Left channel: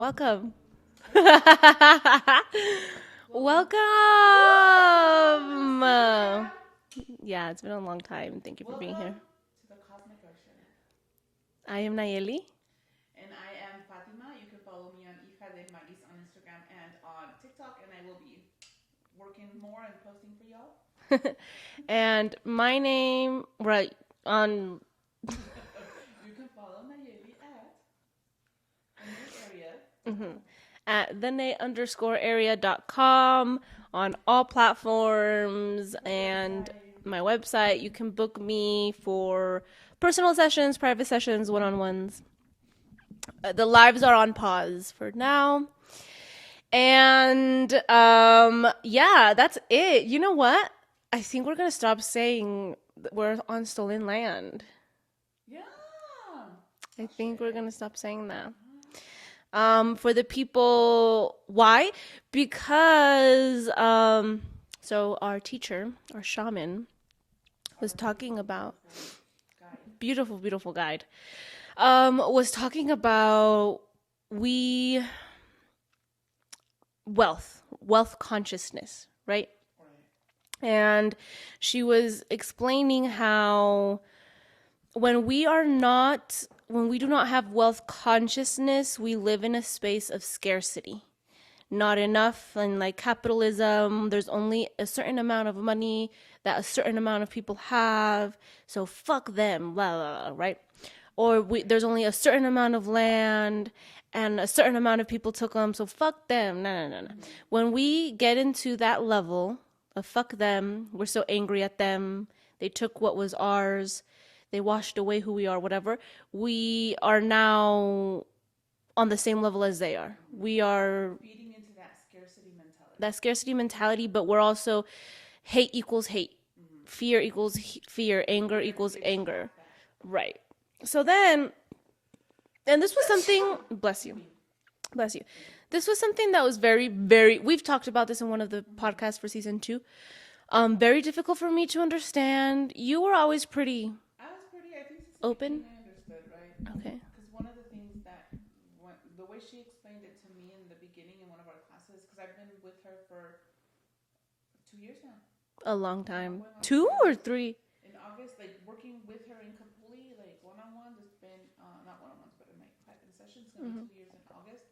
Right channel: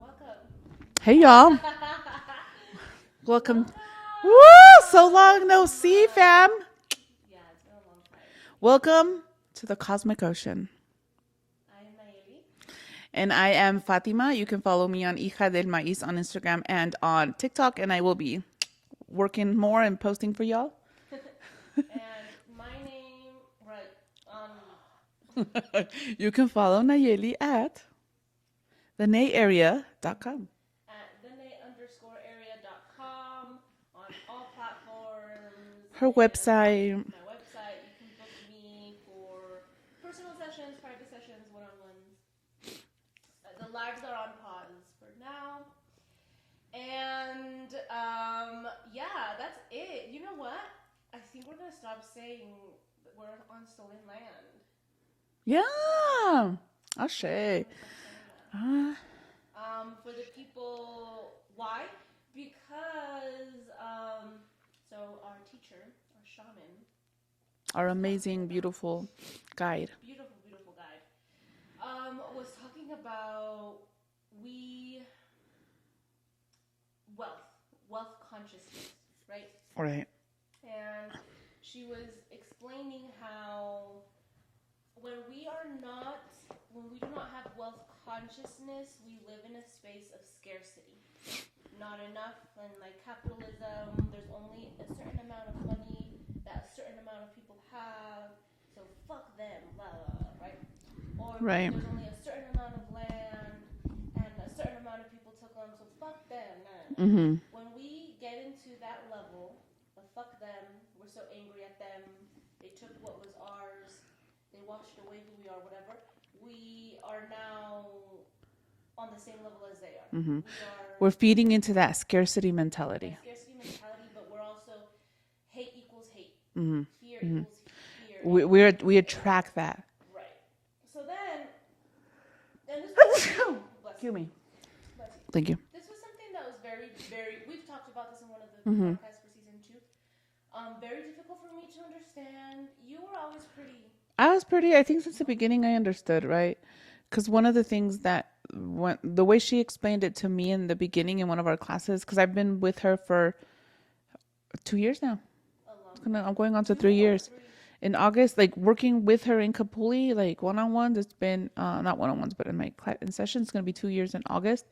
Welcome. Hey, y'all. Welcome. Woo, so long no see, fam. Yeah, it's been a long time. Thank you for being here. Welcome to the Cosmic Ocean. I am Nayeli. And I am Fatima. You can follow me on Hija del Maíz on Instagram and on TikTok. And I will be working more and posting for y'all. And my name, right, on... You can follow Nayeli at thenayarea.com. At thene_area.com on all platforms. Her and website. My website. You can book me for personal sessions, private sessions, one-on-ones. The lives are on pause for now. And yeah, that's it. You know what? I think we're going to stop saying we're on stolen land. Yeah. I think we're going to stop saying that. For the people, why? Because so our teacher, our shaman, our was amazing, talking about beautiful guide. Beautiful guide. Was talking about wealth consciousness, right? Right. And she was explaining how when we do not have wealth consciousness, we live in a space of scarcity. Not enough, and like capitalism, there's only a certain amount of money that a certain amount of people have, so fuck them, blah, blah, blah, right? Or Right. there's only a certain amount of land and a certain amount of people took them, so fuck them. No. Mm-hmm. When we get into that level of fuck them, we're so angry at them, they took what was ours, they washed away who we are, whatever, we are now on the same level as they are. Mm-hmm. We're feeding into that scarcity mentality. But we're also hate equals hate. Mm-hmm. Fear equals fear. Anger equals we anger. attract that. Right. So then, and this was something, bless you. Bless you. Thank you. This was something that was very, very, we've talked about this in one of the podcasts for season 2. Very difficult for me to understand. You were always pretty. I think since the beginning I understood, right? Because one of the things that, the way she explained it to me in the beginning in one of our classes, because I've been with her for 2 years now. A long time. I'm going on 2 to 3 years. Or 3? In August, like working with her in Kapuli, like one-on-ones, it's been, not one-on-ones, but in my in session, it's going to be 2 years in August.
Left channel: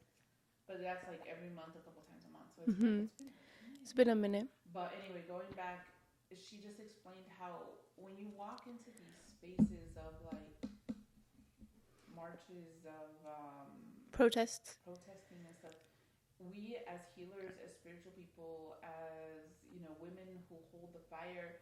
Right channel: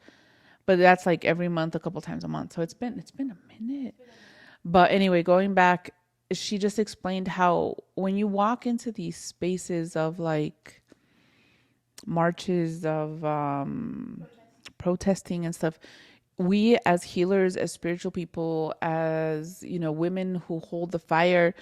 But that's like every month, a couple times a month. So it's been a minute. It's been a minute. But anyway, going back, she just explained how when you walk into these spaces of like marches of protesting and stuff, we as healers, as spiritual people, as women who hold the fire,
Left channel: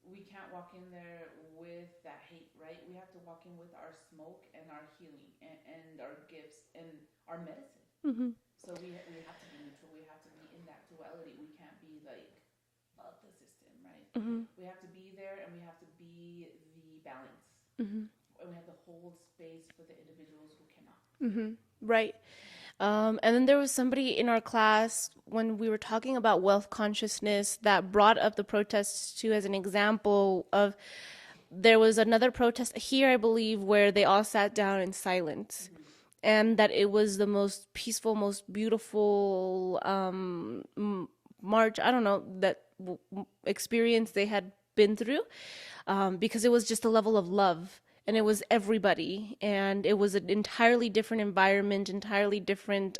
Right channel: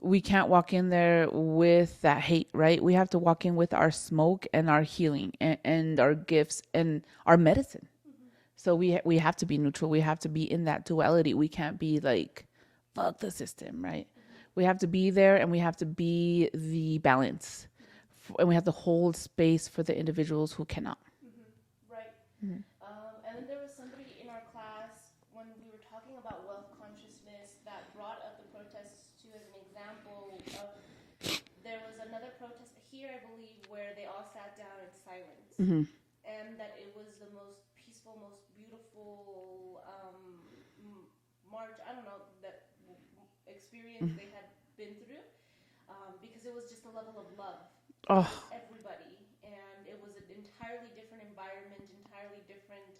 we can't walk in there with that hate, right? We have to walk in with our smoke and our healing and our gifts and our medicine. Mm-hmm. So we have to be neutral. We have to be in that duality. We can't be like, fuck the system, right? Mm-hmm. We have to be there and we have to be the balance. Mm-hmm. And we have to hold space for the individuals who cannot. Mm-hmm. Right. Mm-hmm. And then there was somebody in our class when we were talking about wealth consciousness that brought up the protests too as an example of, there was another protest here, I believe, where they all sat down in silence. Mm-hmm. And that it was the most peaceful, most beautiful march, I don't know, that experience they had been through, because it was just a level of love. And it was everybody. And it was an entirely different environment, entirely different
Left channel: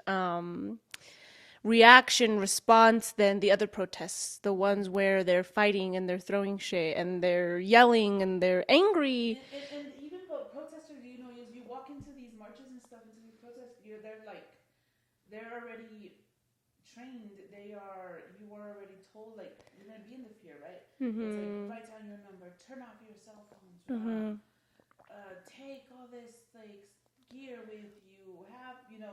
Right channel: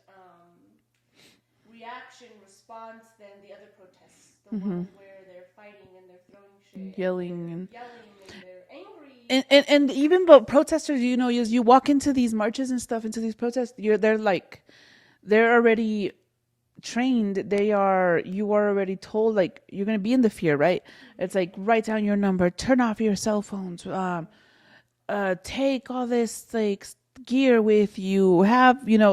reaction, response than the other protests. The ones where they're fighting and they're throwing shit and they're yelling and they're angry. And even but protesters, as you walk into these marches and stuff, into these protests, they're already trained. You are already told, like, you're going to be in the fear, right? Mm-hmm. It's like, write down your number, turn off your cell phones, take all this like gear with you,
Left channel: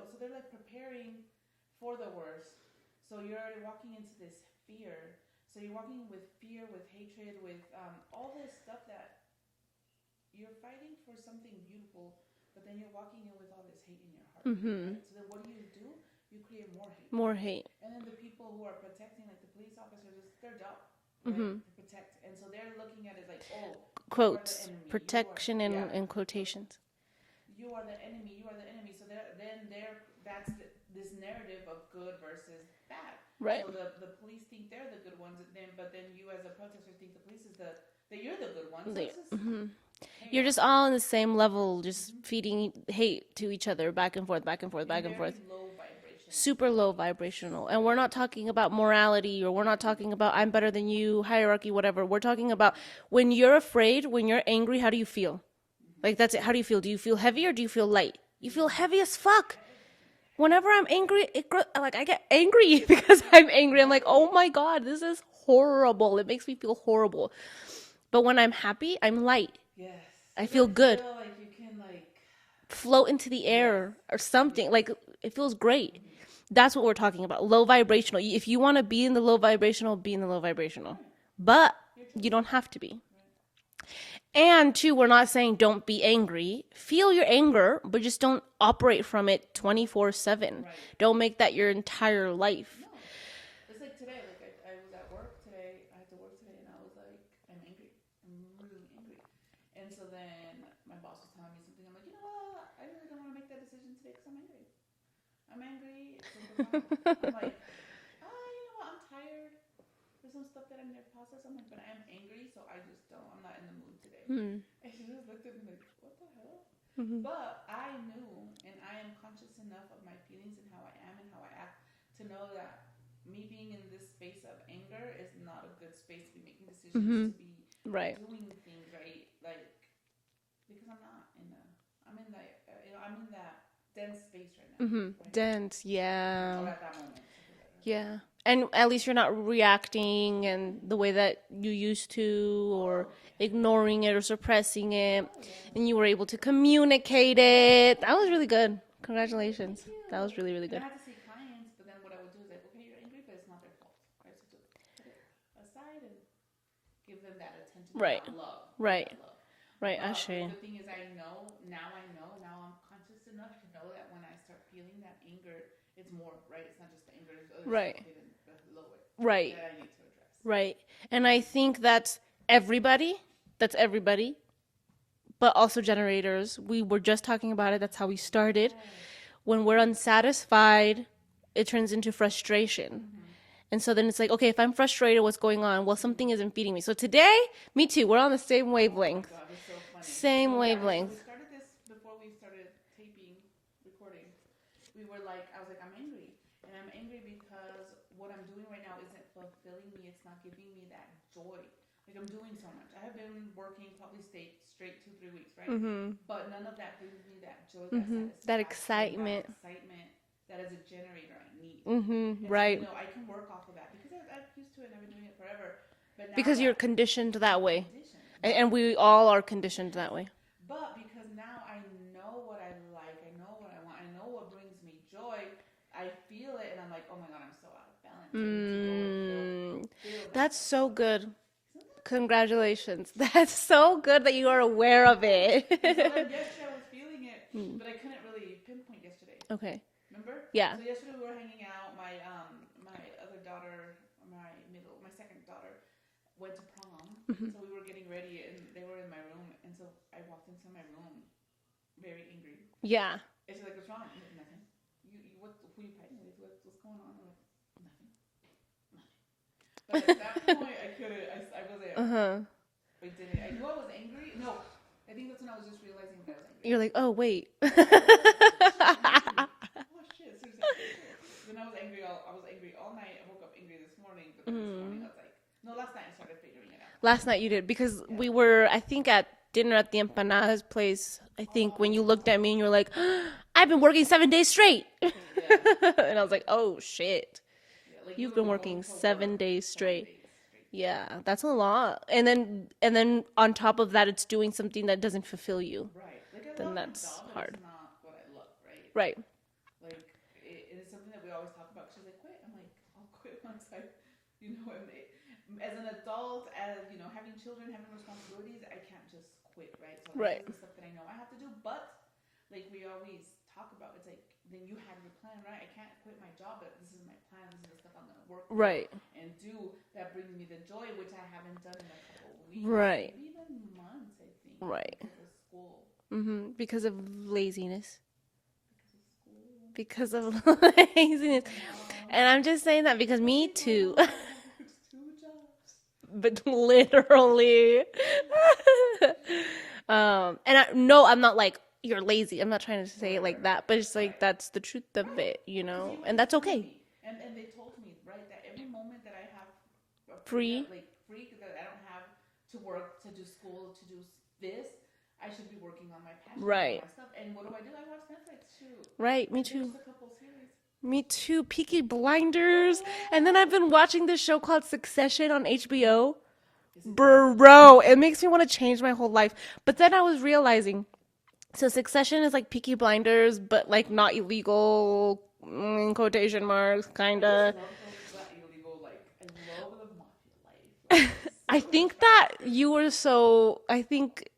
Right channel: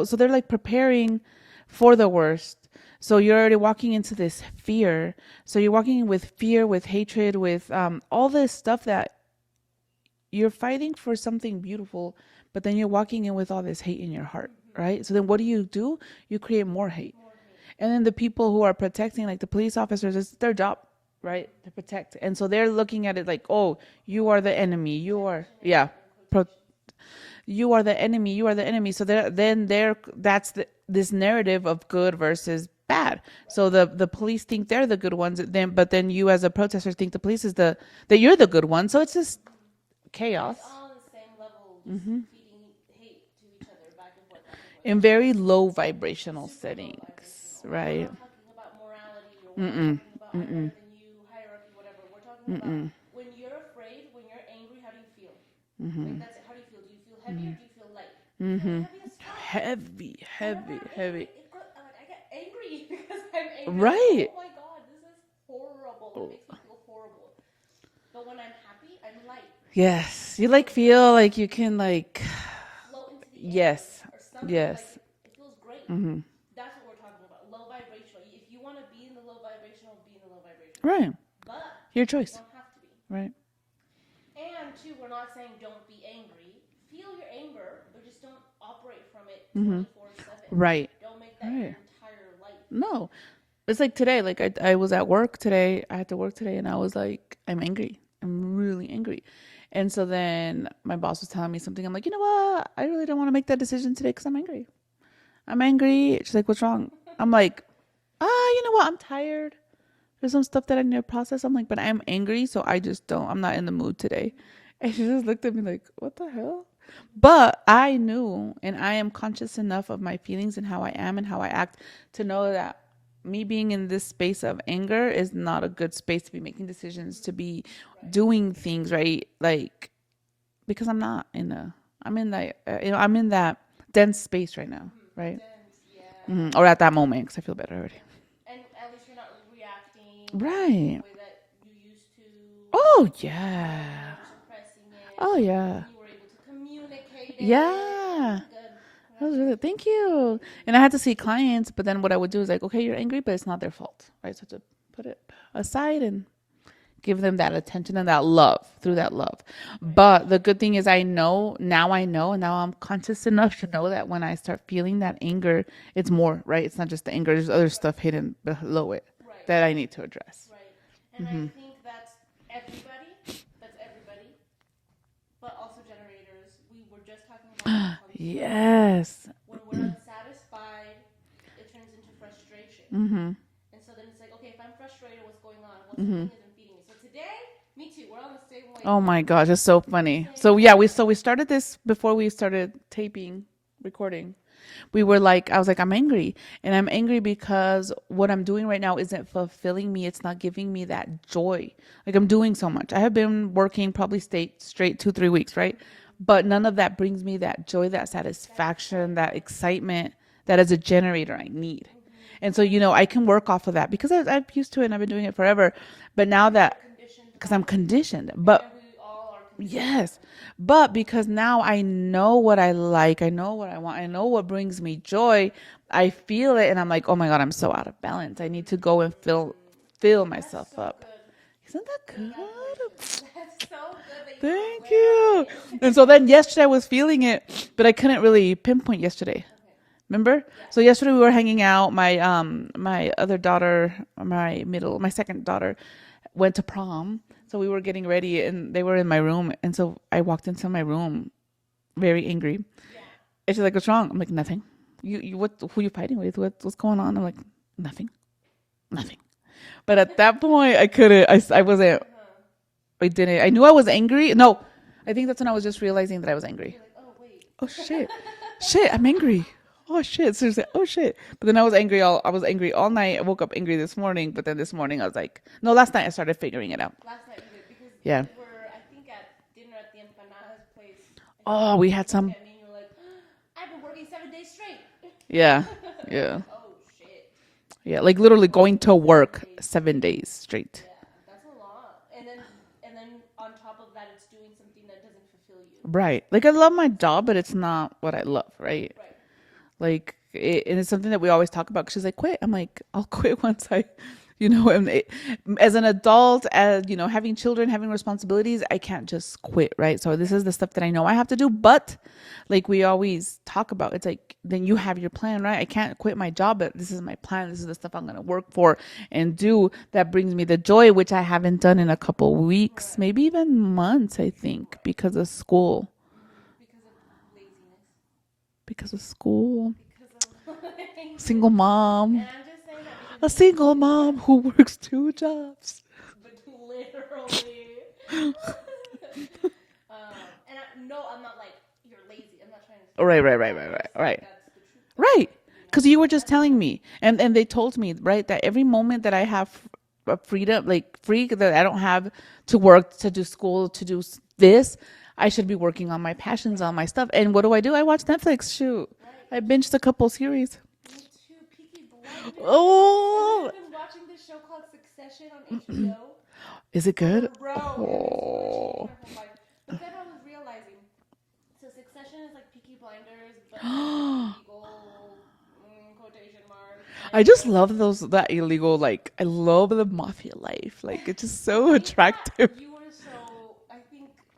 so they're like preparing for the worst. So you're already walking into this fear. So you're walking in with fear, with hatred, with all this stuff that you're fighting for something beautiful, but then you're walking in with all this hate in your heart, right? So then what do? You create more hate. And then the people who are protecting, like the police officers, it's their job, right? To protect. And so they're looking at it like, oh, you are the enemy. Protection you are in quotations. You are the enemy. So this narrative of good versus bad. Right. So the police think they're the good ones, but then you as a protester think the police is that you're the good one. So it's just chaos. You're just all on the same level, just feeding hate to each other, back and forth, and very low vibrational, super settings. low vibrational. And we're not talking about morality, or we're not talking about I'm better than you, hierarchy, whatever. We're talking about when you're afraid, when you're angry, how do you feel? Like, that's it. How do you feel? Do you feel heavy or do you feel light? You feel heavy as fuck. Heavy. Whenever I'm angry, I get angry because I'm angry. I'm like, oh my God, this is horrible. It makes me feel horrible. But when I'm happy, I'm light. Yes. I You feel feel like you can float into the air or something. Yes. Like, it feels great. That's what we're talking about. Low vibrational. If you want to be in the low vibrational, be in the low vibrational. Right. But your choice. You don't have to be. Right. And two, we're not saying don't be angry. Feel your anger, but just don't operate from it 24/7. Right. Don't make that your entire life. No. It's like today, like I was at work today. I had to work today and I was like, I'm angry. I'm really angry. And so then my boss was telling me something. I'm like, you know what? I really don't want to make that decision today because I'm angry. I'm angry. She's like, what's wrong? I'm like, you know what? I'm tired. There's some stuff that I need to process. I'm like, but I'm angry, so I'm not in the mood today. And she just looked at me like, what the hell? But I knew, and I am conscious enough of my feelings and how I am and how I act to know that me being in this space of anger is not a good space to be making decisions, to be doing things, right? Like, because I'm in that dense space right now, right? Dense, yeah. Or at that moment, because I feel better. Yeah. And at least you're not reacting the way that you used to. Oh, yeah. Ignoring it or suppressing it. Oh, yeah. And you were able to communicate it. Yeah. That was really good. Congratulations. Thank you. That was really, really and I had to see clients, but then what I would do is like, okay, you're angry, but it's not their fault, right? So I have to put it aside and give them that attention and that love through that love. Right, but actually. the good thing is I know, and now I'm conscious enough to know that when I start feeling that anger, it's more, right? It's not just the anger. There's other stuff hidden below it that I need to address. Right. And I think that's everybody, but also generators. We were just talking about it. That's how we started. Yes. When we're unsatisfied, it turns into frustration. And so then it's like, okay, if I'm frustrated, what's going on? Well, something isn't feeding me. So today, me too. We're on the same wavelength. Oh my gosh, it's so funny. Same Yeah, we wavelength. started this before we started recording. We were like, I was like, I'm angry. And I'm angry because what I'm doing right now isn't fulfilling me. It's not giving me that joy. Like, I'm doing so much. I have been working probably straight 2-3 weeks, right? But none of that brings me that joy, that satisfaction, that excitement that as a generator I need. And so, I can work off of that because I'm used to it and I've been doing it forever. But now because that you're conditioned that I'm way. conditioned. And we all are conditioned that way. But because now I know what I like, I know what I want, I know what brings me joy, I feel it and I'm like, oh my God, I'm so out of balance. I need to go and fill myself That's so up. good. Isn't that good? Congratulations. That's so good that you are aware of it. And so then yesterday I was feeling it, but I couldn't really pinpoint yesterday. Okay. Remember? Yeah. So yesterday we were hanging out. My other daughter, my second daughter, went to prom. So we were getting ready, and they were in my room. And so I walked into my room, very angry. Yeah. And she's like, "What's wrong?" I'm like, "Nothing." Who are you fighting with? What's going on? I'm like, "Nothing." But at that point, I couldn't. I wasn't. I didn't. I knew I was angry. No, I think that's when I was just realizing that I was angry. You're like, oh wait. Shit, I'm angry. Oh shit, seriously. Oh shit. But then I was angry all night. I woke up angry this morning, but then this morning I was like, no, last night I started figuring it out. Last night you did because we were, I think, at dinner at the empanadas place. I think we when you had looked at me and you were like, I've been working 7 days straight. Yeah. And I was like, oh shit. Yeah, like literally going to work 7 days straight. Yeah, that's a lot. And then on top of that, it's doing something that doesn't fulfill you. Right. Like I love my job, but it's not what I love, right? Right. Like, and it's something that we always talk about. 'Cause she's like, quit. I'm like, I'll quit once I, as an adult, as having children, having responsibilities, I can't just quit, right? So this is the stuff that I know I have to do. But like we always talk about, it's like, then you have your plan, right? I can't quit my job, but this is my plan. This is the stuff I'm going to work for and do that brings me the joy, which I haven't done in a couple weeks, maybe even months, I think, because of school. Because of laziness. Because of school. because of Single mom. And I'm just saying that because A me single too. mom who works 2 jobs. But literally. No, I'm not like you're lazy. I'm not trying to say Right, like right, that, right, but right, it's like right. that's the truth of Right. it, you know. Because you were And just that's telling okay. me, and they told me, right, that every moment that I have freedom, like free, that I don't have to work, to do school, to do this, I should be working on my passions, on my stuff. And what do? I watch Netflix. Shoot. Right. I binged a couple series. Me too. Peaky Blinders. Oh. And then I've been watching this show called Succession on HBO. Is it good? Bro, it makes me want to change my whole life. But then I was realizing, so Succession is like Peaky Blinders, but like not illegal, in quotation marks, kind of. I just love that illegal, like, I love the mafia life. Like, it's just so I think attractive. that you were so, I think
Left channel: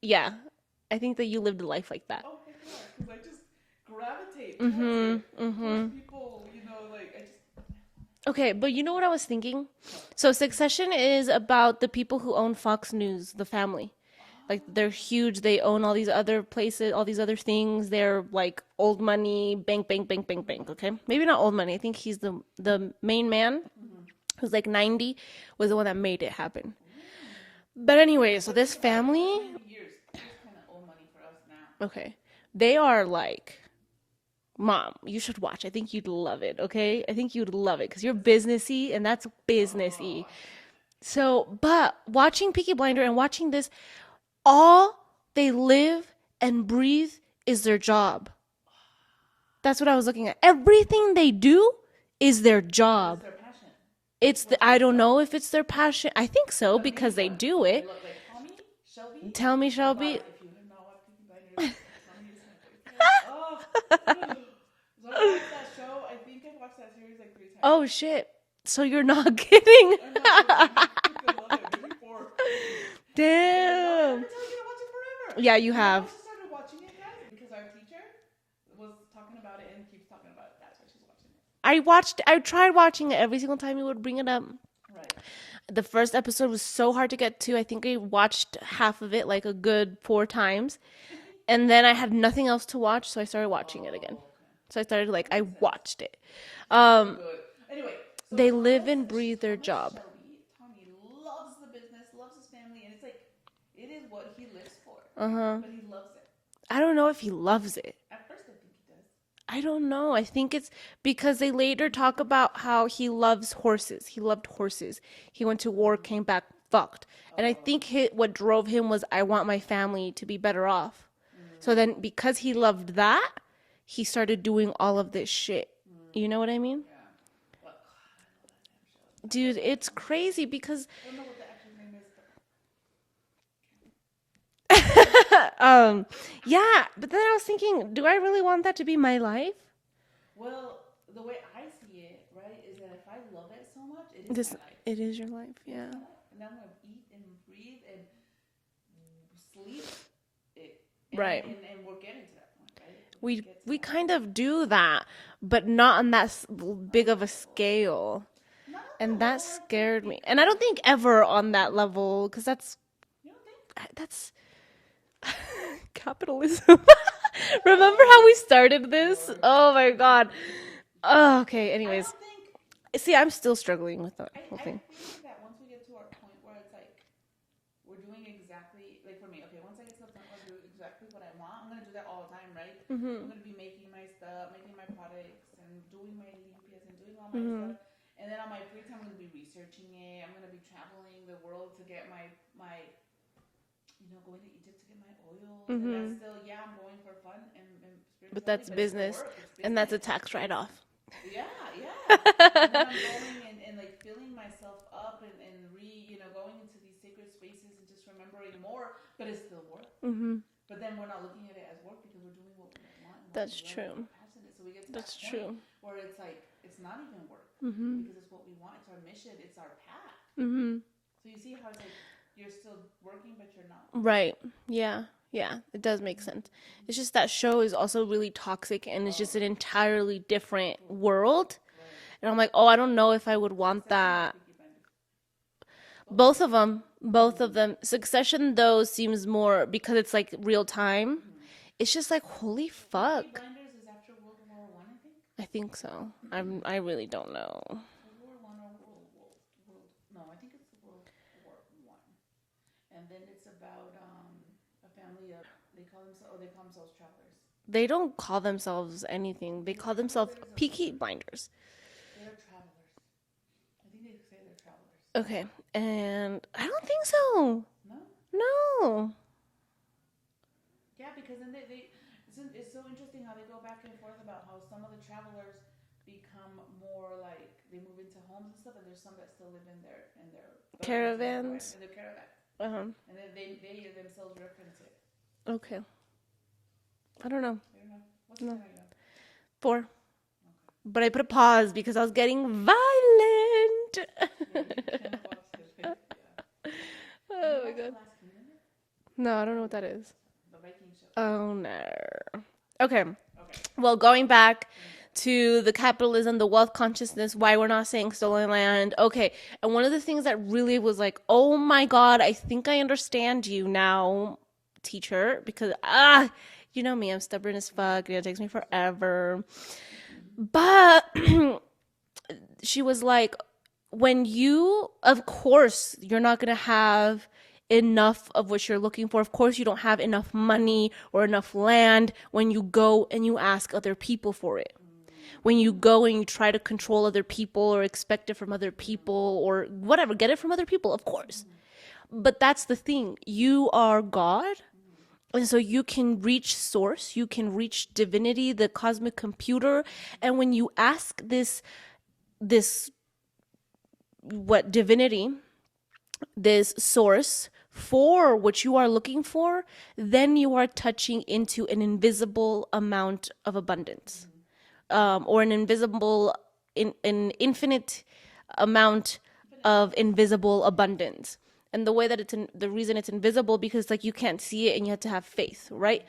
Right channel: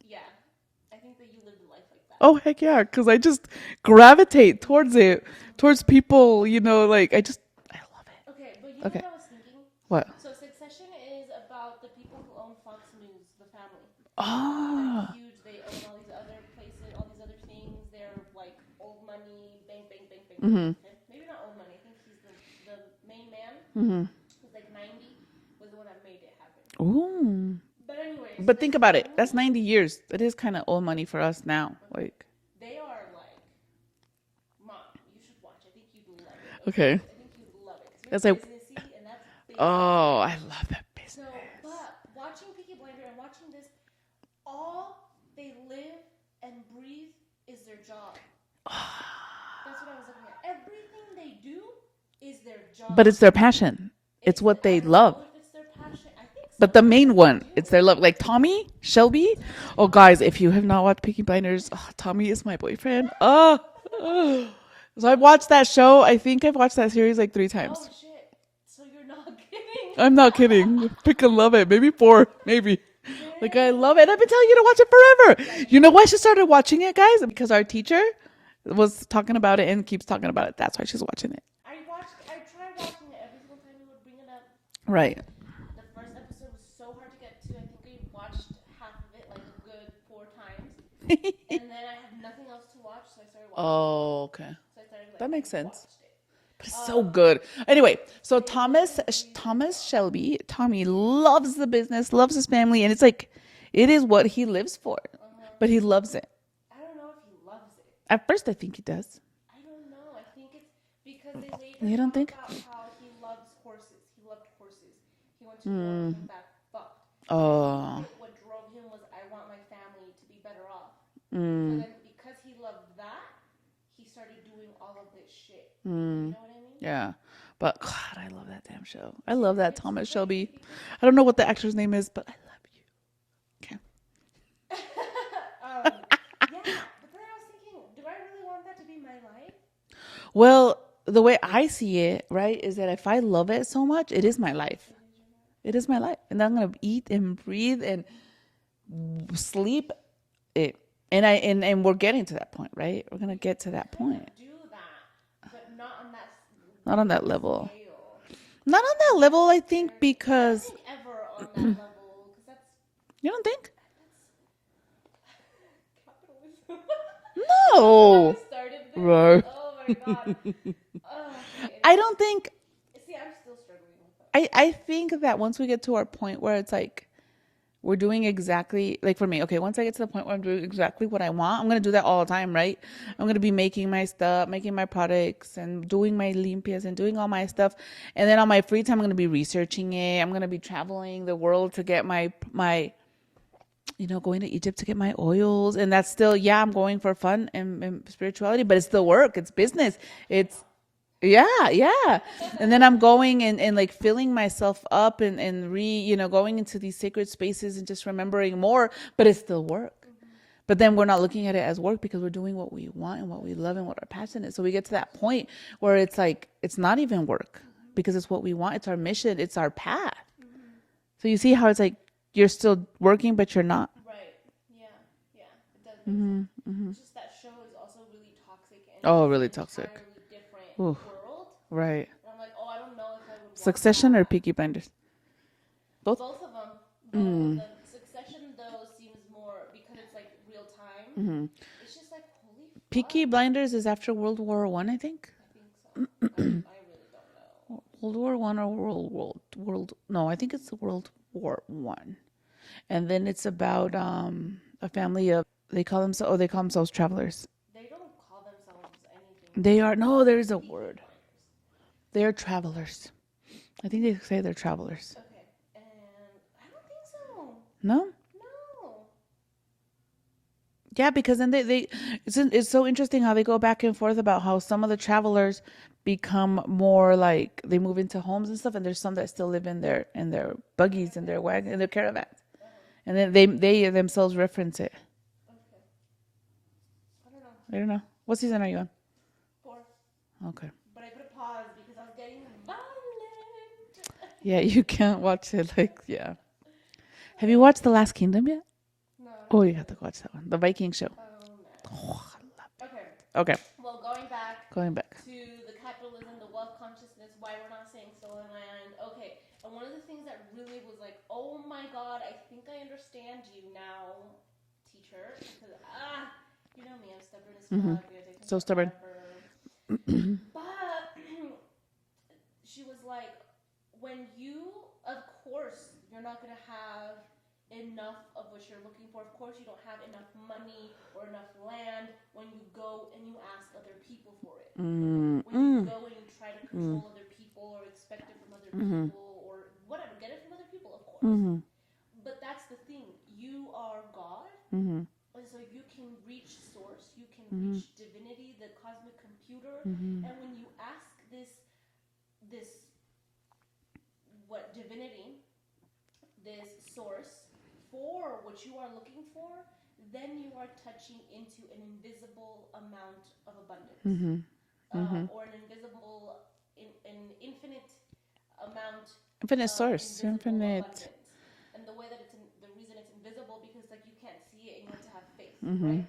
that you lived a life like that. Oh, heck yeah. Because I just gravitate towards it, towards people, like, I love it. Okay, but you know what I was thinking? What? So Succession is about the people who own Fox News, the family. Oh. Like they're huge. They own all these other places, all these other things. They're like old money, bank. Okay, maybe not old money. I think he's the main man, who's like 90, was the one that made it happen. Ooh. But anyways, But this think about family, it. That's 90 years. It is kind of old money for us now. Okay, Like, they are like, Mom, you should watch. I think you'd love it. Okay, I think you'd love it because you're businessy, and that's businessy. oh, I love that. So, but watching Peaky Blinder and watching this, all they live and breathe is their job. That's what I was looking at. Everything they do is their job. But it's their passion. It's what they love. I don't know if it's their passion. I think so. But the main one, it's it's their love. Like Tommy Shelby. Tell me, Shelby. Oh, guys, if you have not watched Peaky Blinders, Tommy is my boyfriend. So I've watched that show. I think I've watched that series like 3 times. Oh, shit. So you're not kidding. I'm not kidding. Freaking love it. Maybe 4, maybe. Damn. Like, I love it. I've been telling you to watch it forever. Yeah, you know why she started watching it, guys? Because our teacher was talking about it and keeps talking about it. That's why she's watching it. I tried watching it every single time you would bring it up. Right. The first episode was so hard to get to. I think I watched half of it like a good 4 times. And then I had nothing else to watch, so I started watching it again. Oh, okay. So I started watched it. So good. Anyway, so they live Thomas and breathe their job. Shelby, Tommy loves the business, loves his family, and it's like, it is what he lives for. But he loves it. I don't know if he loves it. At first, I think he does. I don't know. I think it's because they later talk about how he loves horses. He loved horses. He went to war, came back fucked. And I think what drove him was, I want my family to be better off. So then because he loved that, he started doing all of this shit. You know what I mean? Yeah. But God, I love that damn show. Dude, I love that it's Thomas crazy Shelby. because I don't know what the actor's name is, but I love you. yeah. But then I was thinking, do I really want that to be my life? Well, the way I see it, right, is that if I love it so much, it is my life. It is your life. It is my life. And I'm going to eat and breathe and sleep it. And and we're getting to that point, right? We're going to get to that point. We kind of do that, but not on that big of a level. scale. Not on that level, I think, because... And I don't think ever on that level, because that's... You don't think? That's... capitalism. Remember how we started this? No. Oh my God. Oh, okay. Anyways. I don't think... See, I'm still struggling with that. I think that once we get to our point where it's like, we're doing exactly, like for me, okay, once I get to the point where I'm doing exactly what I want, I'm going to do that all the time, right? I'm going to be making my stuff, making my products and doing my limpias and doing all my stuff. And then on my free time, I'm going to be researching it. I'm going to be traveling the world to get my going to Egypt to get my oils. And that's still, I'm going for fun and spirituality, but it's still work. It's business. And that's a tax write-off. Yeah. And then I'm going and like filling myself up and going into these sacred spaces and just remembering more, but it's still work. But then we're not looking at it as work because we're doing what we want and what we love and what our passion is. So we get to that point where it's like, it's not even work because it's what we want. It's our mission. It's our path. So you see how it's like, you're still working, but you're not. Right. Yeah. Yeah, it does make sense. It's just that show is also really toxic, and it's just really an entirely different world. Right. And I'm like, I don't know if I would want Succession that. or Peaky Blinders? Both of them. Both of them. Succession, though, seems more because it's like real time. It's just like, holy fuck. Peaky Blinders is after World War One, I think. I think so. I really don't know. World War One or World. No, I think it's World War One, and then it's about a family of they call themselves travelers. They don't call themselves anything. They are no. There's a Peaky word. Blinders. They are travelers. I think they say they're travelers. Okay, and I don't think so. No. No. Yeah, because then it's so interesting how they go back and forth about how some of the travelers become more like they move into homes and stuff, and there's some that still live in their buggies and their wagons and their caravans, and then they themselves reference it. Okay. I don't know. What season are you on? 4. Okay. But I put a pause because I was getting violent. Yeah, you can't watch it yeah. Have you watched The Last Kingdom yet? No, I don't know what you that have is. to watch that one. The Viking show. Oh no. Okay. Okay. Well, going back to the capitalism, the wealth consciousness, why we're not saying stolen land. Okay. And one of the things that really was like, oh my God, I think I understand you now, teacher, because you know me, I'm stubborn as fuck. It takes me forever. But she was like, of course, you're not going to have enough of what you're looking for. Of course, you don't have enough money or enough land when you go and you ask other people for it. When you go and you try to control other people or expect it from other people or whatever, get it from other people, of course. But that's the thing. You are God. And so you can reach source, you can reach divinity, the cosmic computer. And when you ask this divinity, this source for what you are looking for, then you are touching into an invisible amount of abundance, or an invisible, an infinite amount of invisible abundance. And the way that the reason it's invisible because like you can't see it and you have to have faith, right?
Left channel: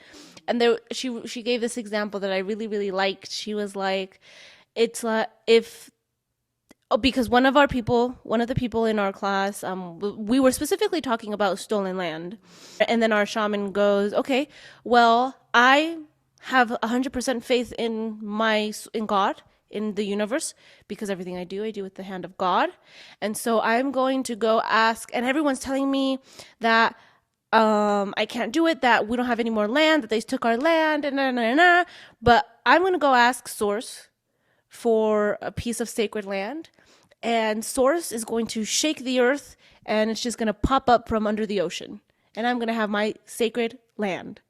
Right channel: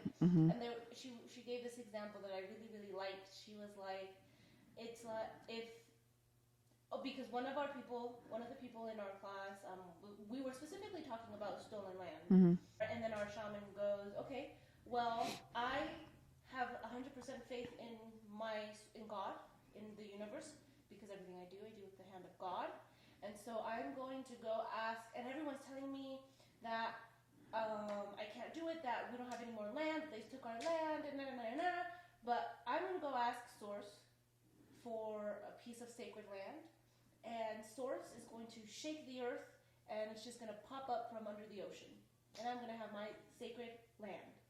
And she gave this example that I really, really liked. She was like, it's like because one of the people in our class, we were specifically talking about stolen land. And then our shaman goes, okay, well, I have 100% faith in God, in the universe, because everything I do with the hand of God. And so I'm going to go ask, and everyone's telling me that I can't do it, that we don't have any more land, that they took our land, and but I'm going to go ask Source for a piece of sacred land, and Source is going to shake the earth, and it's just going to pop up from under the ocean, and I'm going to have my sacred land.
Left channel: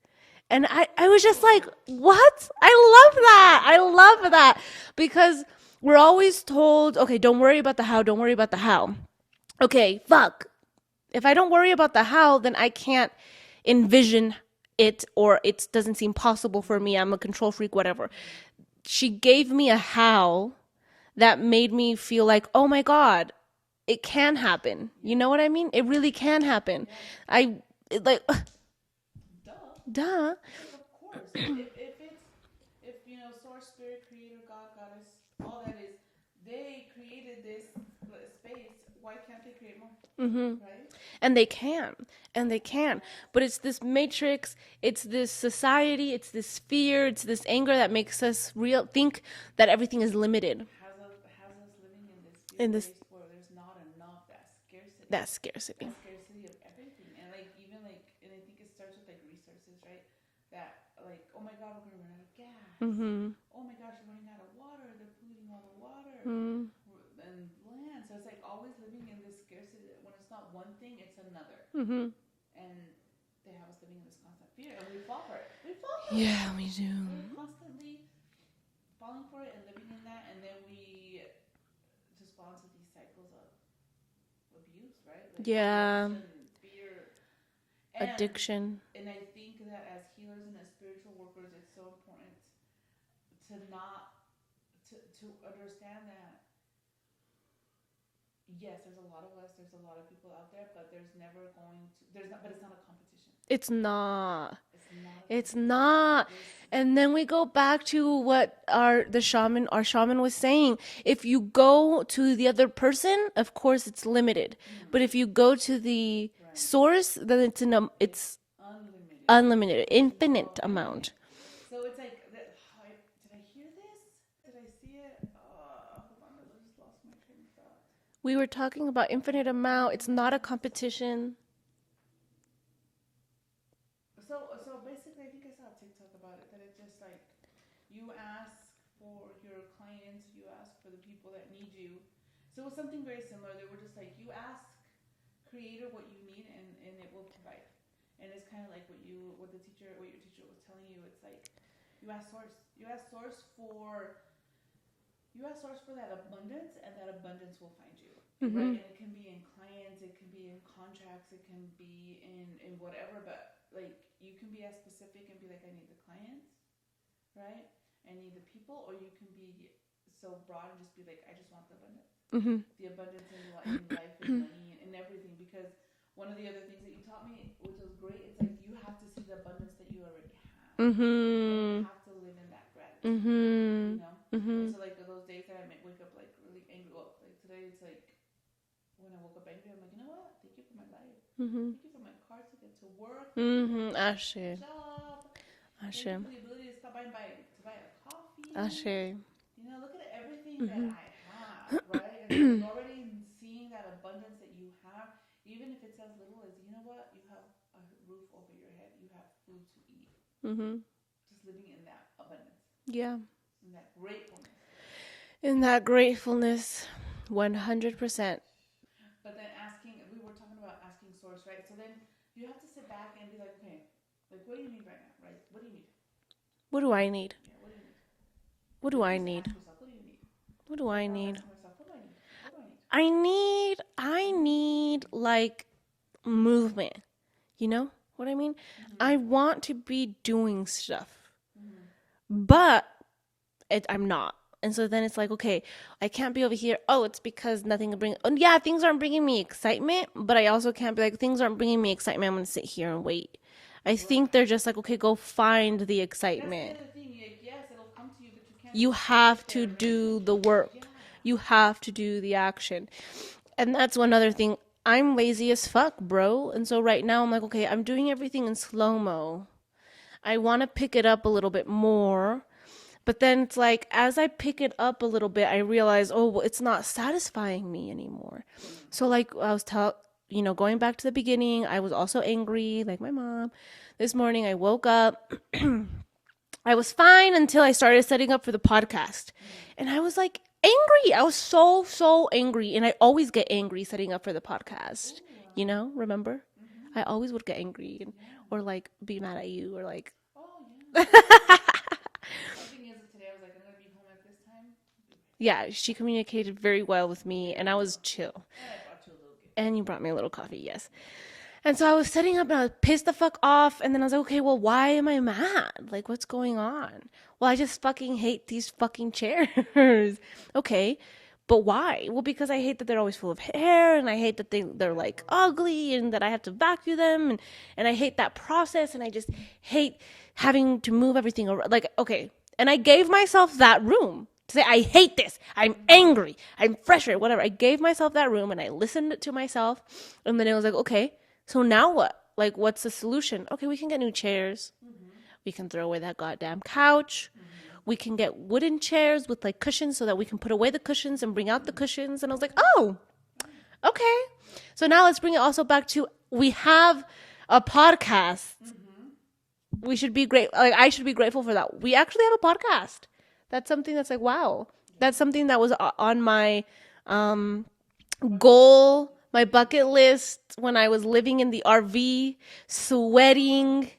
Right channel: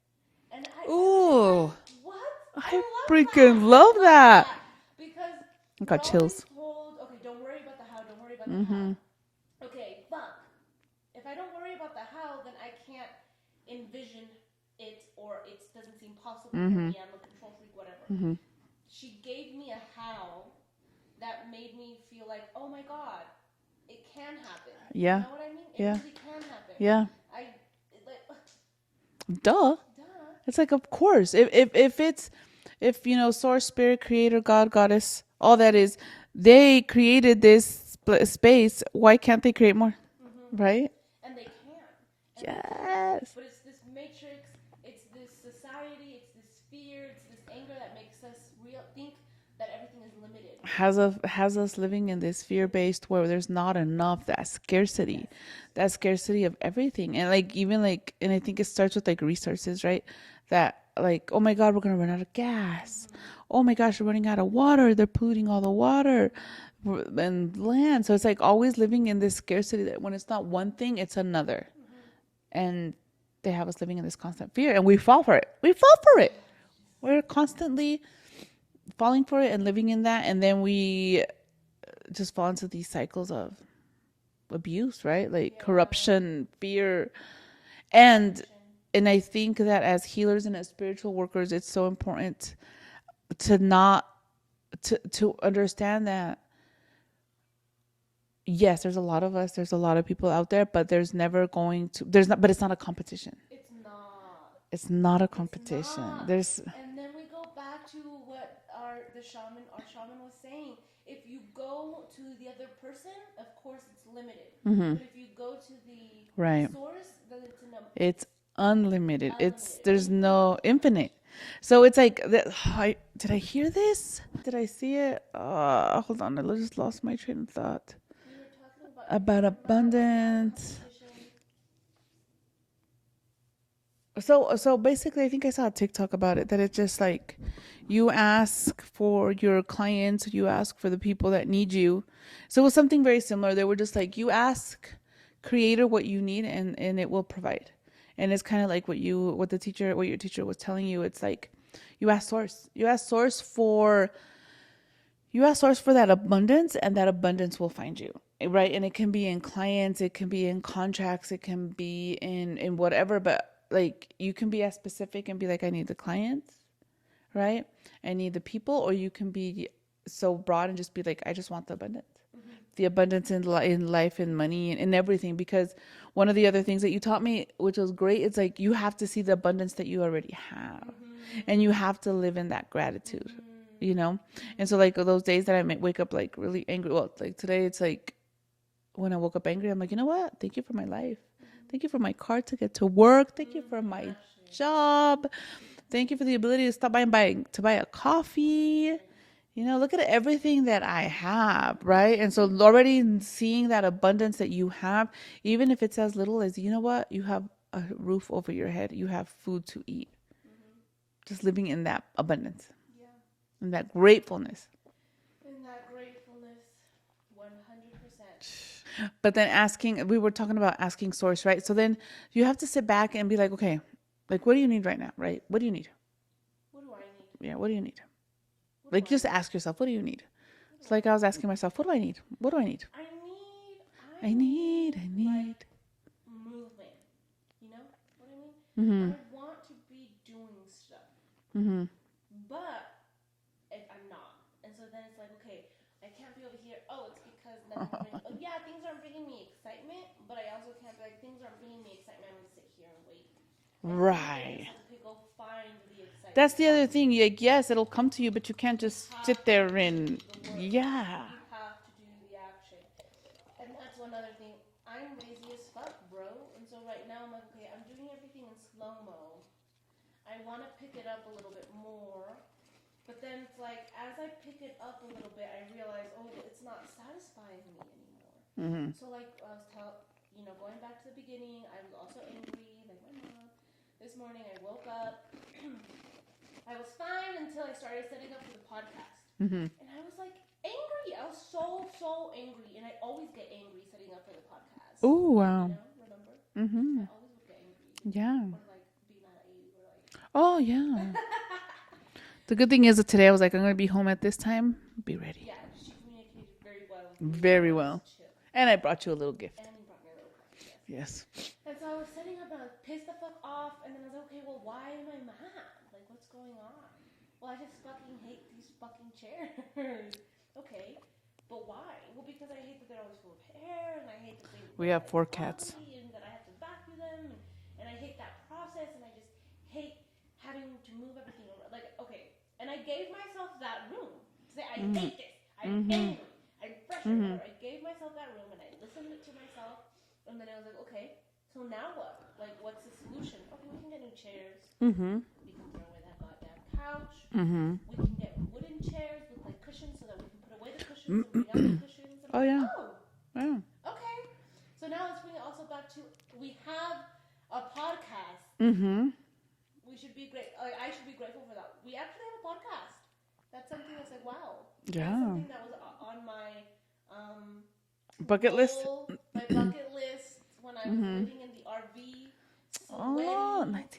And I was just like, what? I love that. I love that. Because we're always told, okay, don't worry about the how. Don't worry about the how. Okay, fuck. If I don't worry about the how, then I can't envision it, or it doesn't seem possible for me. I'm a control freak, whatever. She gave me a how that made me feel like, oh my God, it can happen. Yeah. You know what I mean? It really can happen. Yeah. Duh. It's like, of course. If Source, Spirit, Creator, God, Goddess, all that is, they created this space. Why can't they create more? Right? And they can. They can. But it's this matrix, it's this society, it's this fear, it's this anger that makes us think that everything is limited. Has us living in this fear-based where there's not enough, that scarcity of everything. And and I think it starts with resources, right? That oh my God, we're gonna run out of gas. Oh my gosh, we're running out of water. They're polluting all the water and land. So it's always living in this scarcity that when it's not one thing, it's another. And they have us living in this constant fear, and we fall for it. Yeah, we do. We're constantly falling for it and living in that, and then we just fall into these cycles of abuse, right? Corruption, fear, and addiction. And I think that as healers and as spiritual workers, it's so important to understand that yes, there's a lot of us. There's a lot of people out there, but there's never going to. There's not. But it's not a competition. It's not. It's not a It's competition. not. There's. And then we go back to what our shaman was saying. If you go to the other person, of course it's limited. But if you go to the Right. source, then It's unlimited. unlimited, There's infinite no amount. infinite. So it's like, did I hear this? Did I see it? Hold on, I just lost my train of thought. We were talking about infinite amount. It's not a abundance. competition. So basically, I think I saw a TikTok about it, that it's just like, you ask for your clients, you ask for the people that need you. So it was something very similar. They were just like, you ask Creator what you need, and it will provide. And it's kind of like what your teacher was telling you. It's like, you ask Source. You ask Source for that abundance, and that abundance will find you. Right? And it can be in clients, it can be in contracts, it can be in whatever, but like, you can be as specific and be like, I need the clients, right? I need the people. Or you can be so broad and just be like, I just want the abundance. The abundance in life and money and everything. Because one of the other things that you taught me, which was great, it's like, you have to see the abundance that you already have, and you have to live in that gratitude, you know. And so like those days that I might wake up like really angry, well, like today, it's like, when I woke up angry, I'm like, you know what? Thank you for my life. Thank you for my car to get to work. Thank you for my job. Thank you for the ability to stop by and buy a coffee. You know, look at everything that I have, right? And so already seeing that abundance that you have, even if it's as little as, you know what? You have a roof over your head. You have food to eat. Just living in that abundance. Yeah. And that gratefulness. In that gratefulness, 100%. But then we were talking about asking Source, right? So then you have to sit back and be like, okay, like, what do you need right now, right? What do you need? What do I need? Yeah, what do you need? What do I just need? ask yourself, what do you need? What do It's I like need? I was asking myself, what do I need? What do I need? I need like movement. You know what I mean? I want to be doing stuff, but I'm not. And so then it's like, okay, I can't be over here. Oh, it's because nothing things aren't bringing me excitement, but I also can't be like, things aren't bringing me excitement, I'm going to sit here and wait. I think they're just like, okay, go find the excitement. That's the other thing. Like, yes, it'll come to you, but you can't. You just have sit there to do the work. Yeah, you have to do the action, and that's one other thing. I'm lazy as fuck, bro. And so right now I'm like, okay, I'm doing everything in slow-mo. I want to pick it up a little bit more. But then it's like, as I pick it up a little bit, I realize, oh, well, it's not satisfying me anymore. So like I was going back to the beginning, I was also angry, like my mom. This morning I woke up. I was fine until I started setting up for the podcast. And I was like angry. I was so angry. And I always get angry setting up for the podcast. Oh, wow. You know, remember? I always would get angry. Or like be mad at you or like. Oh, yeah. The good thing is that today I was like, I'm going to be home at this time. Be ready. Yeah, she communicated very well with me. Very and I well. was chill. And I brought you a little gift. And you brought me a little coffee, yes. Yes. And so I was setting up and I was pissed the fuck off. And then I was like, okay, well, why am I mad? Like, what's going on? Well, I just fucking hate these fucking chairs. Okay, but why? Well, because I hate that they're always full of hair, and I hate that they're like ugly, and that I have to vacuum them, and I hate that process, and I just hate having to move everything around. Like, okay, and I gave myself that room to say, I hate this. I'm angry. I'm frustrated, whatever. I gave myself that room, and I listened to myself, and then it was like, okay, so now what? Like, what's the solution? Okay, we can get new chairs. We can throw away that goddamn couch. We can get wooden chairs with, like, cushions so that we can put away the cushions and bring out the cushions. And I was okay. So now let's bring it also back to, we have a podcast. We should be great. Like, I should be grateful for that. We actually have a podcast. That's something that's like, wow. Yeah. That's something that was on my my bucket list when I was living in the RV, sweating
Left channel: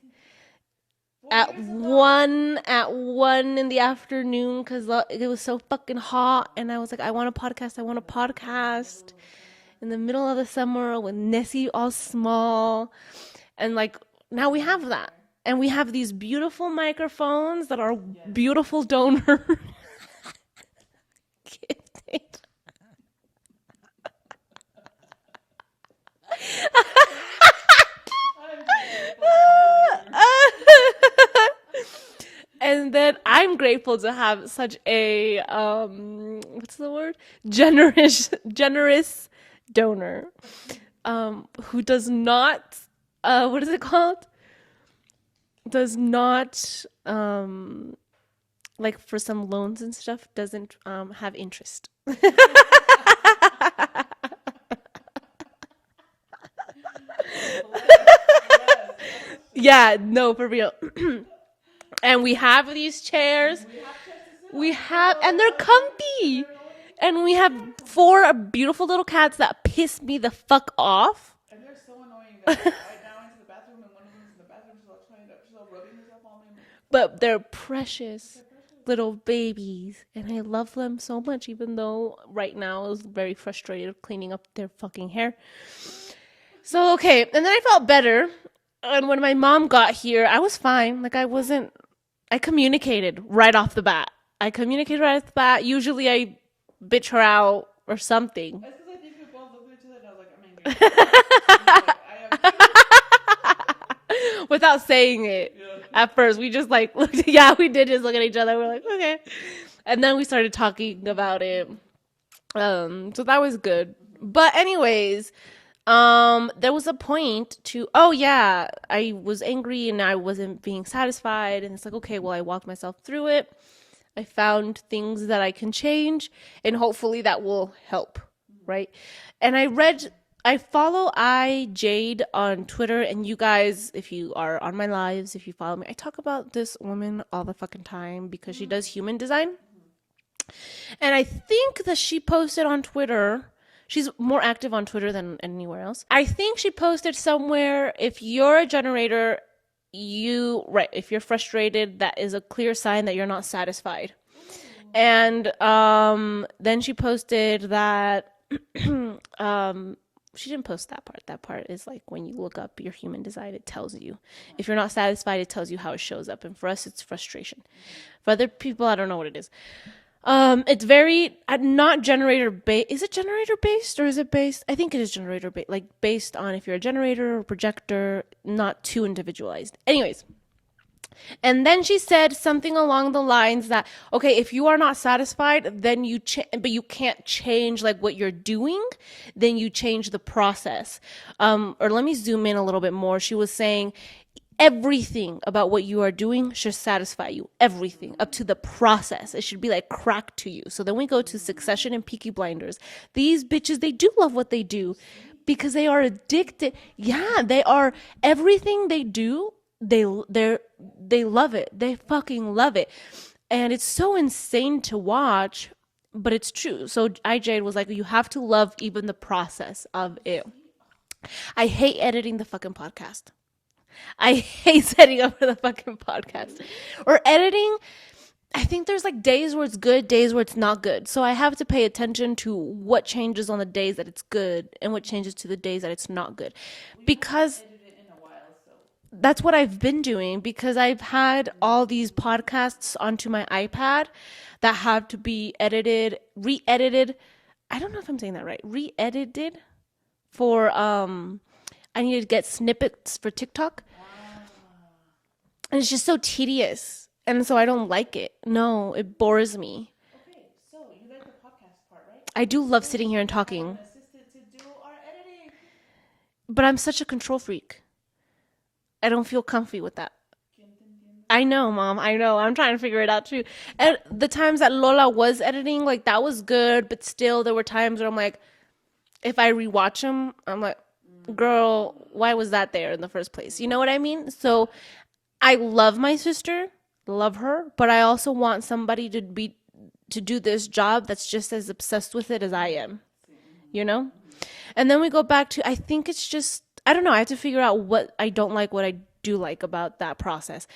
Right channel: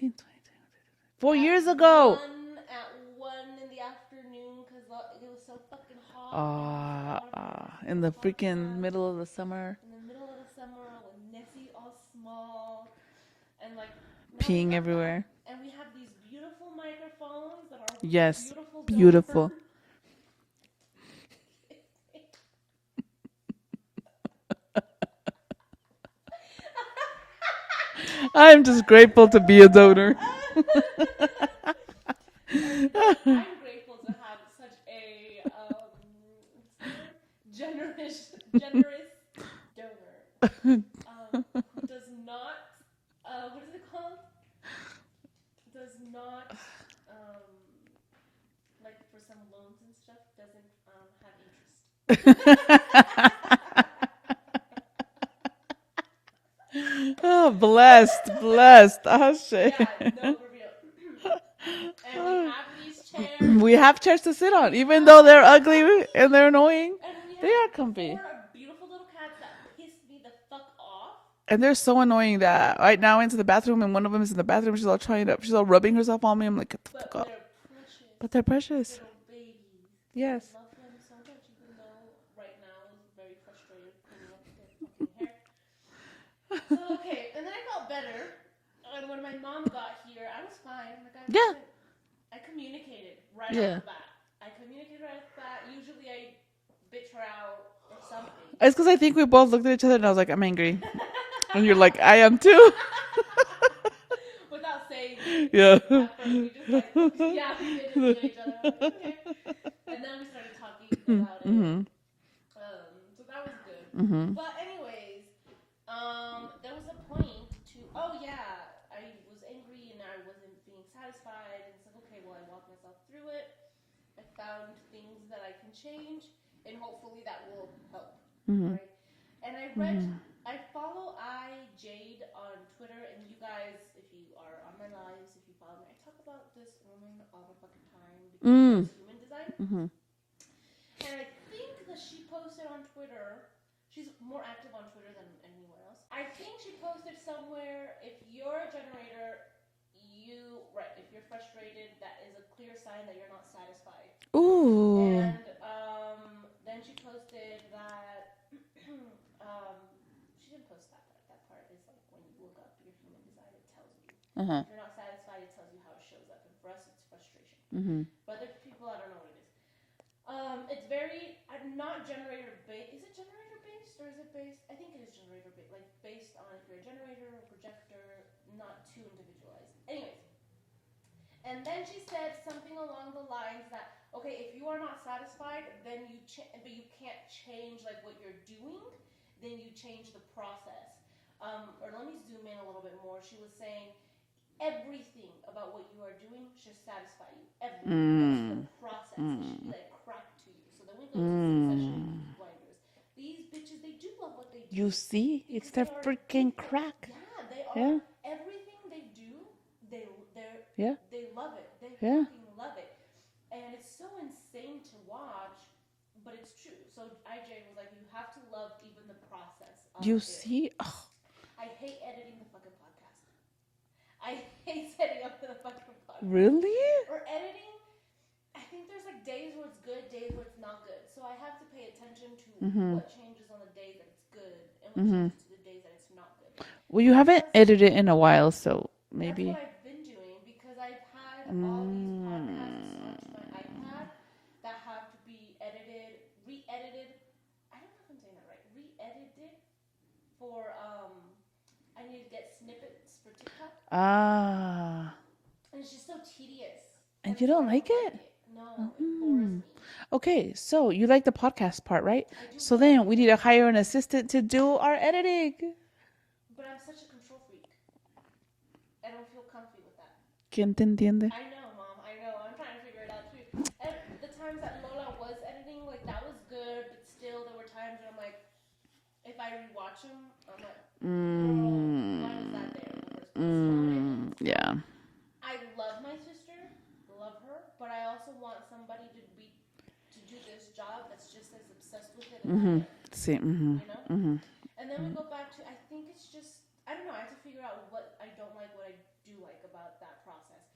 4 years ago. At 1 in the afternoon because it was so fucking hot, and I was like, I want a podcast. I want a podcast. In the middle of the summer. In the middle of the summer with Nessie all small, and like now we have that, and we have these beautiful microphones that are beautiful donor. Beautiful. I'm just grateful to be a donor. And then I'm grateful to have such a what's the word? Generous donor. Who does not what is it called? Does not like for some loans and stuff doesn't have interest. Oh, blessed. Oh, shit. Yeah, no, for real. And we have these chairs. We have chairs to sit on, even have- though and they're they're ugly comfy. and they're annoying. And we They are have comfy. 4 beautiful little cats that piss me the fuck off. And they're so annoying that right now into the bathroom, and one of them is in the bathroom. She's all she's all rubbing herself on me. I'm like, "Get the fuck But up." they're precious. But they're precious. Little babies. And I Yes. love them so much, even though right now I was very frustrated of cleaning up their fucking hair. So, okay. And then I felt better. And when my mom got here, I was fine. Like, I wasn't, I communicated right off the bat. Usually I bitch her out or something. It's because I think we both looked at each other and I was like, I'm angry. And you're like, I am too. Without saying it. Yeah. At first, we just like, yeah, we did just look at each other. We're like, okay. And then we started talking about it. So that was good. But anyways, there was a point to, I was angry and I wasn't being satisfied. And it's like, okay, well, I walked myself through it. I found things that I can change and hopefully that will help. Right. And I follow Jade on Twitter, and you guys, if you are on my lives, if you follow me, I talk about this woman all the fucking time because she does human design. And I think that she posted on Twitter, she's more active on Twitter than anywhere else. I think she posted somewhere, if you're a generator, if you're frustrated, that is a clear sign that you're not satisfied. Ooh. And then she posted that she didn't post that part. That part is like when you look up your human design, it tells you. If you're not satisfied, it tells you how it shows up. And for us, it's frustration. For other people, I don't know what it is. It's very not generator based. Is it generator based or is it based? I think it is generator based, like based on if you're a generator or projector, not too individualized. Anyways. And then she said something along the lines that, okay, if you are not satisfied, then but you can't change like what you're doing, then you change the process. Or let me zoom in a little bit more. She was saying everything about what you are doing should satisfy you. Everything up to the process. It should be like crack to you. So then we go to Succession and Peaky Blinders. These bitches, they do love what they do. You see? Because It's they that are freaking addicted. crack. Yeah, they are. Everything they do, they love it. They fucking love it. And it's so insane to watch, but it's true. So Jade was like, you have to love even the process of it. See? I hate editing the fucking podcast. I hate setting up for the fucking podcast. Really? Or editing. I think there's like days where it's good, days where it's not good. So I have to pay attention to what changes on the days that it's good and what changes to the days that it's not good. Well, you haven't edited in a while, so maybe. That's what I've been doing because I've had all these podcasts onto my iPad that have to be re-edited. I don't know if I'm saying that right. Re-edited for I need to get snippets for TikTok. And it's just so tedious. And so I don't like it. No, it bores me. Okay, so you like the podcast part, right? I do love sitting here and talking. Hire an assistant to do our editing. But I'm such a control freak. I don't feel comfy with that. ¿Quién te entiende? I know, Mom. I know. I'm trying to figure it out too. And the times that Lola was editing, like that was good, but still there were times where I'm like, if I rewatch them, I'm like, girl, why was that there in the first place? You know what I mean? So I love my sister, love her, but I also want somebody to do this job that's just as obsessed with it as I am. You know? And then we go back to, I think it's just, I don't know. I have to figure out what I don't like, what I do like about that process.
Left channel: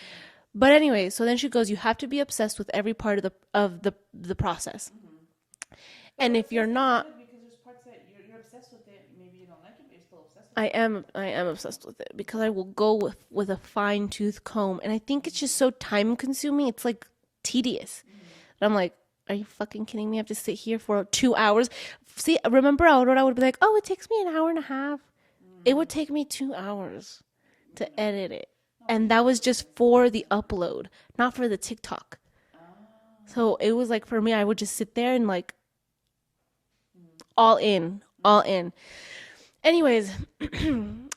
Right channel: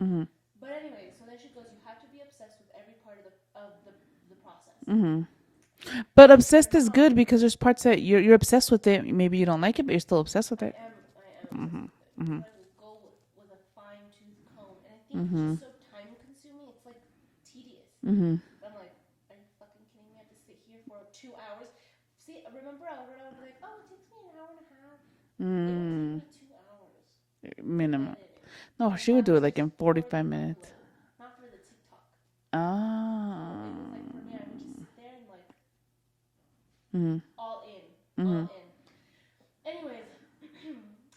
But anyway, so then she goes, you have to be obsessed with every part of the process. But obsessed is good because there's parts that you're obsessed with it. Maybe you don't like it, but you're still obsessed with it. I am obsessed with it because I will go with a fine tooth comb, and I think it's just so time consuming. It's like tedious. And I'm like, are you fucking kidding me? I have to sit here for 2 hours. See, remember Aurora would be like, oh, it takes me an hour and a half. It would take me 2 hours. minimum. to edit it. No, And she that would do was it, like, just in for the 45 minutes. upload, not for the TikTok. Ah. So it was like, for me, I would just sit there and like Mhm. all in. Anyways,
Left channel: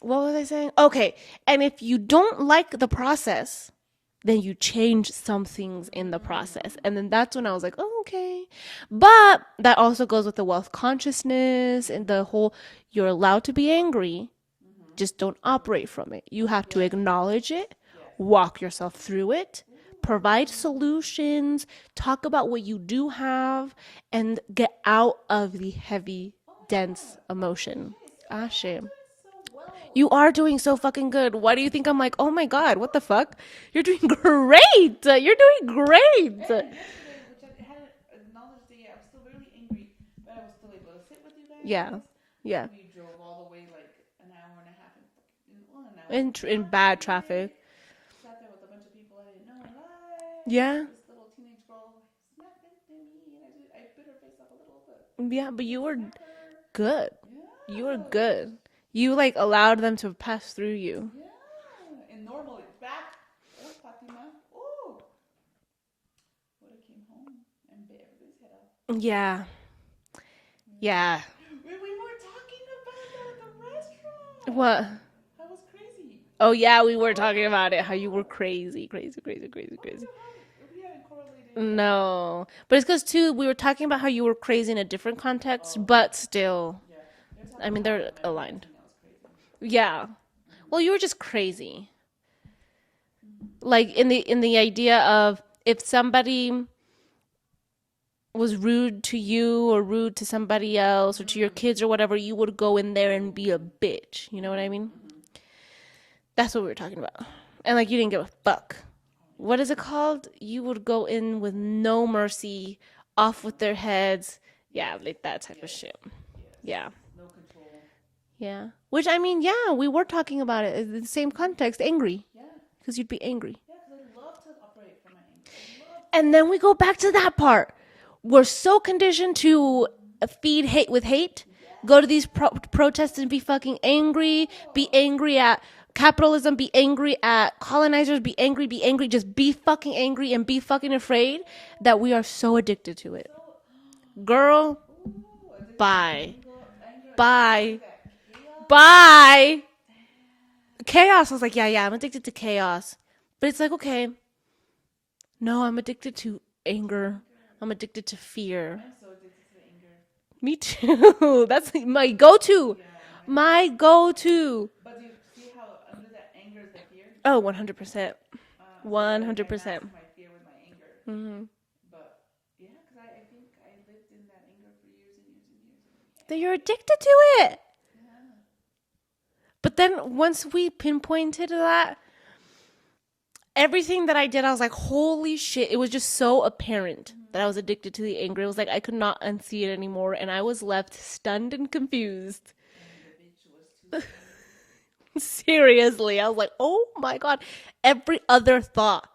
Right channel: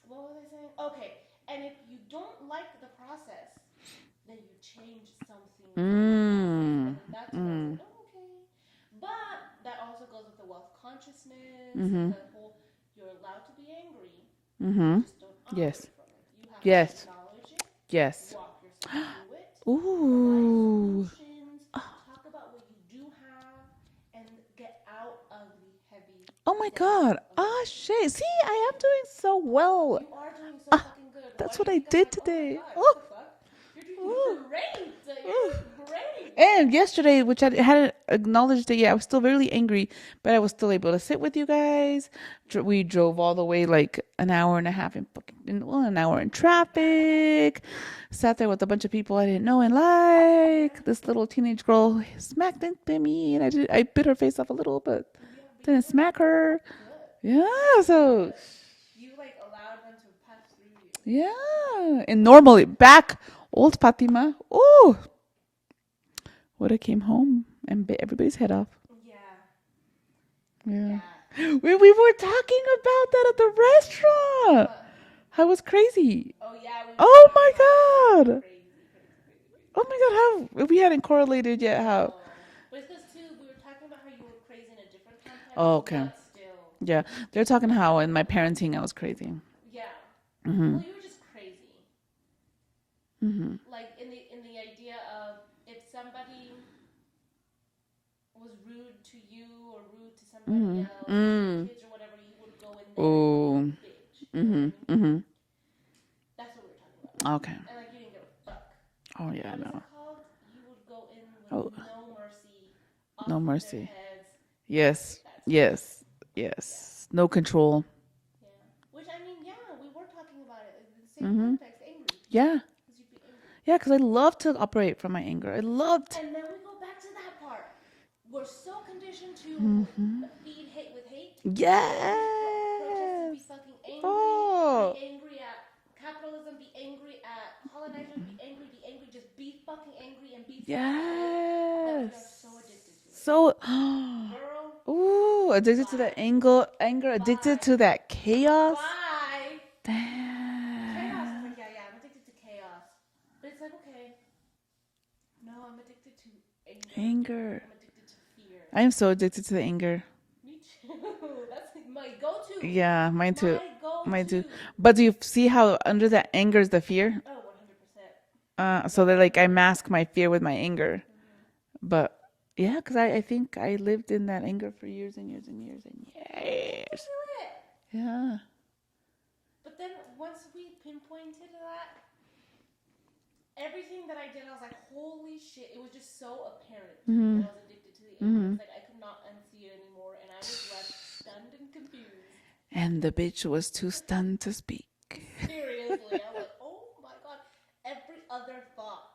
what was I saying? Okay. And if you don't like the process, then you change some things in the process. And then that's when I was like, oh, okay. But that also goes with the wealth consciousness and the whole, you're allowed to be angry. Just don't operate from it. You have to acknowledge it. Yes. Walk yourself through it. Provide solutions. Talk about what you do have. And get out of the heavy, dense emotion. Oh, shit. See, Ah, I shit. am doing so well. You are doing so fucking good. Why do you what I think I'm did like, oh my today. God, what the fuck? You're doing great. You're doing great. And yesterday, which I hadn't acknowledged it yet, I was still really angry, but I was still able to sit with you guys. Yeah. We drove all the way like an hour and a half an hour in In bad traffic. Sat there with a bunch of people I didn't know and like. Yeah. This little teenage girl smacked into me, and I bit her face off a little, but Yeah, but didn't you were smack her. good. Yeah, You so were good. You like allowed them to pass through you. yeah, and normally back old Fatima. Oh, would have came home and bit everybody's head off. Yeah. Yeah. We were talking about that at the restaurant. What? I was crazy. Oh yeah, we were Oh talking my about it. How you were God. crazy. Oh my God, how we hadn't correlated yet. No, but it's because too we were talking about how you were crazy in a different context, Oh, okay. but still, Yeah, they're talking I mean, how they're in my aligned. parenting I was crazy. yeah. Well, you were just crazy. Like in the idea of if somebody was rude to you or rude to somebody else or to your kids or whatever, you would go in there and be a bitch. You know what I mean? That's what we were talking about. Okay. And like you didn't give a fuck. Oh yeah. What is it called? You would go in with no mercy, off with their mercy. heads. Yes. Yeah, like that type Yes. of shit. Yes. Yeah. No control. Yeah. Which I mean, yeah, we were talking about it in the same context, angry. Yeah. Because you'd be angry. Yeah, because I love to operate from my anger. I love to. And then we go back to that part. We're so conditioned to feed hate with hate. Yeah. Go to these protests and be fucking angry. Be angry at capitalism. Be angry at colonizers. Be angry. Just be fucking angry and be fucking afraid that we are so addicted to it. So, Girl, ooh, addicted to that anger, Bye. addicted to that chaos. bye. Damn. Chaos. I was like, yeah, I'm addicted to chaos. But it's like, okay. No, I'm addicted to anger. I'm addicted to fear. I am so addicted to the anger. Me too. That's my go-to. Yeah, mine too. My Mine go-to. too. But do you see how under that anger is the fear? Oh, 100%. So that like I 100%. mask my fear with my anger. But yeah, because I think I lived in that anger for years and years and years and years. Then you're addicted to it. Yeah. But then once we pinpointed that, everything that I did, I was like, holy shit. It was just so apparent that I was addicted to the anger. It was like I could not unsee it anymore. And I was left stunned and confused. And the bitch was too stunned to speak. Seriously. I was like, oh my God. Every other thought.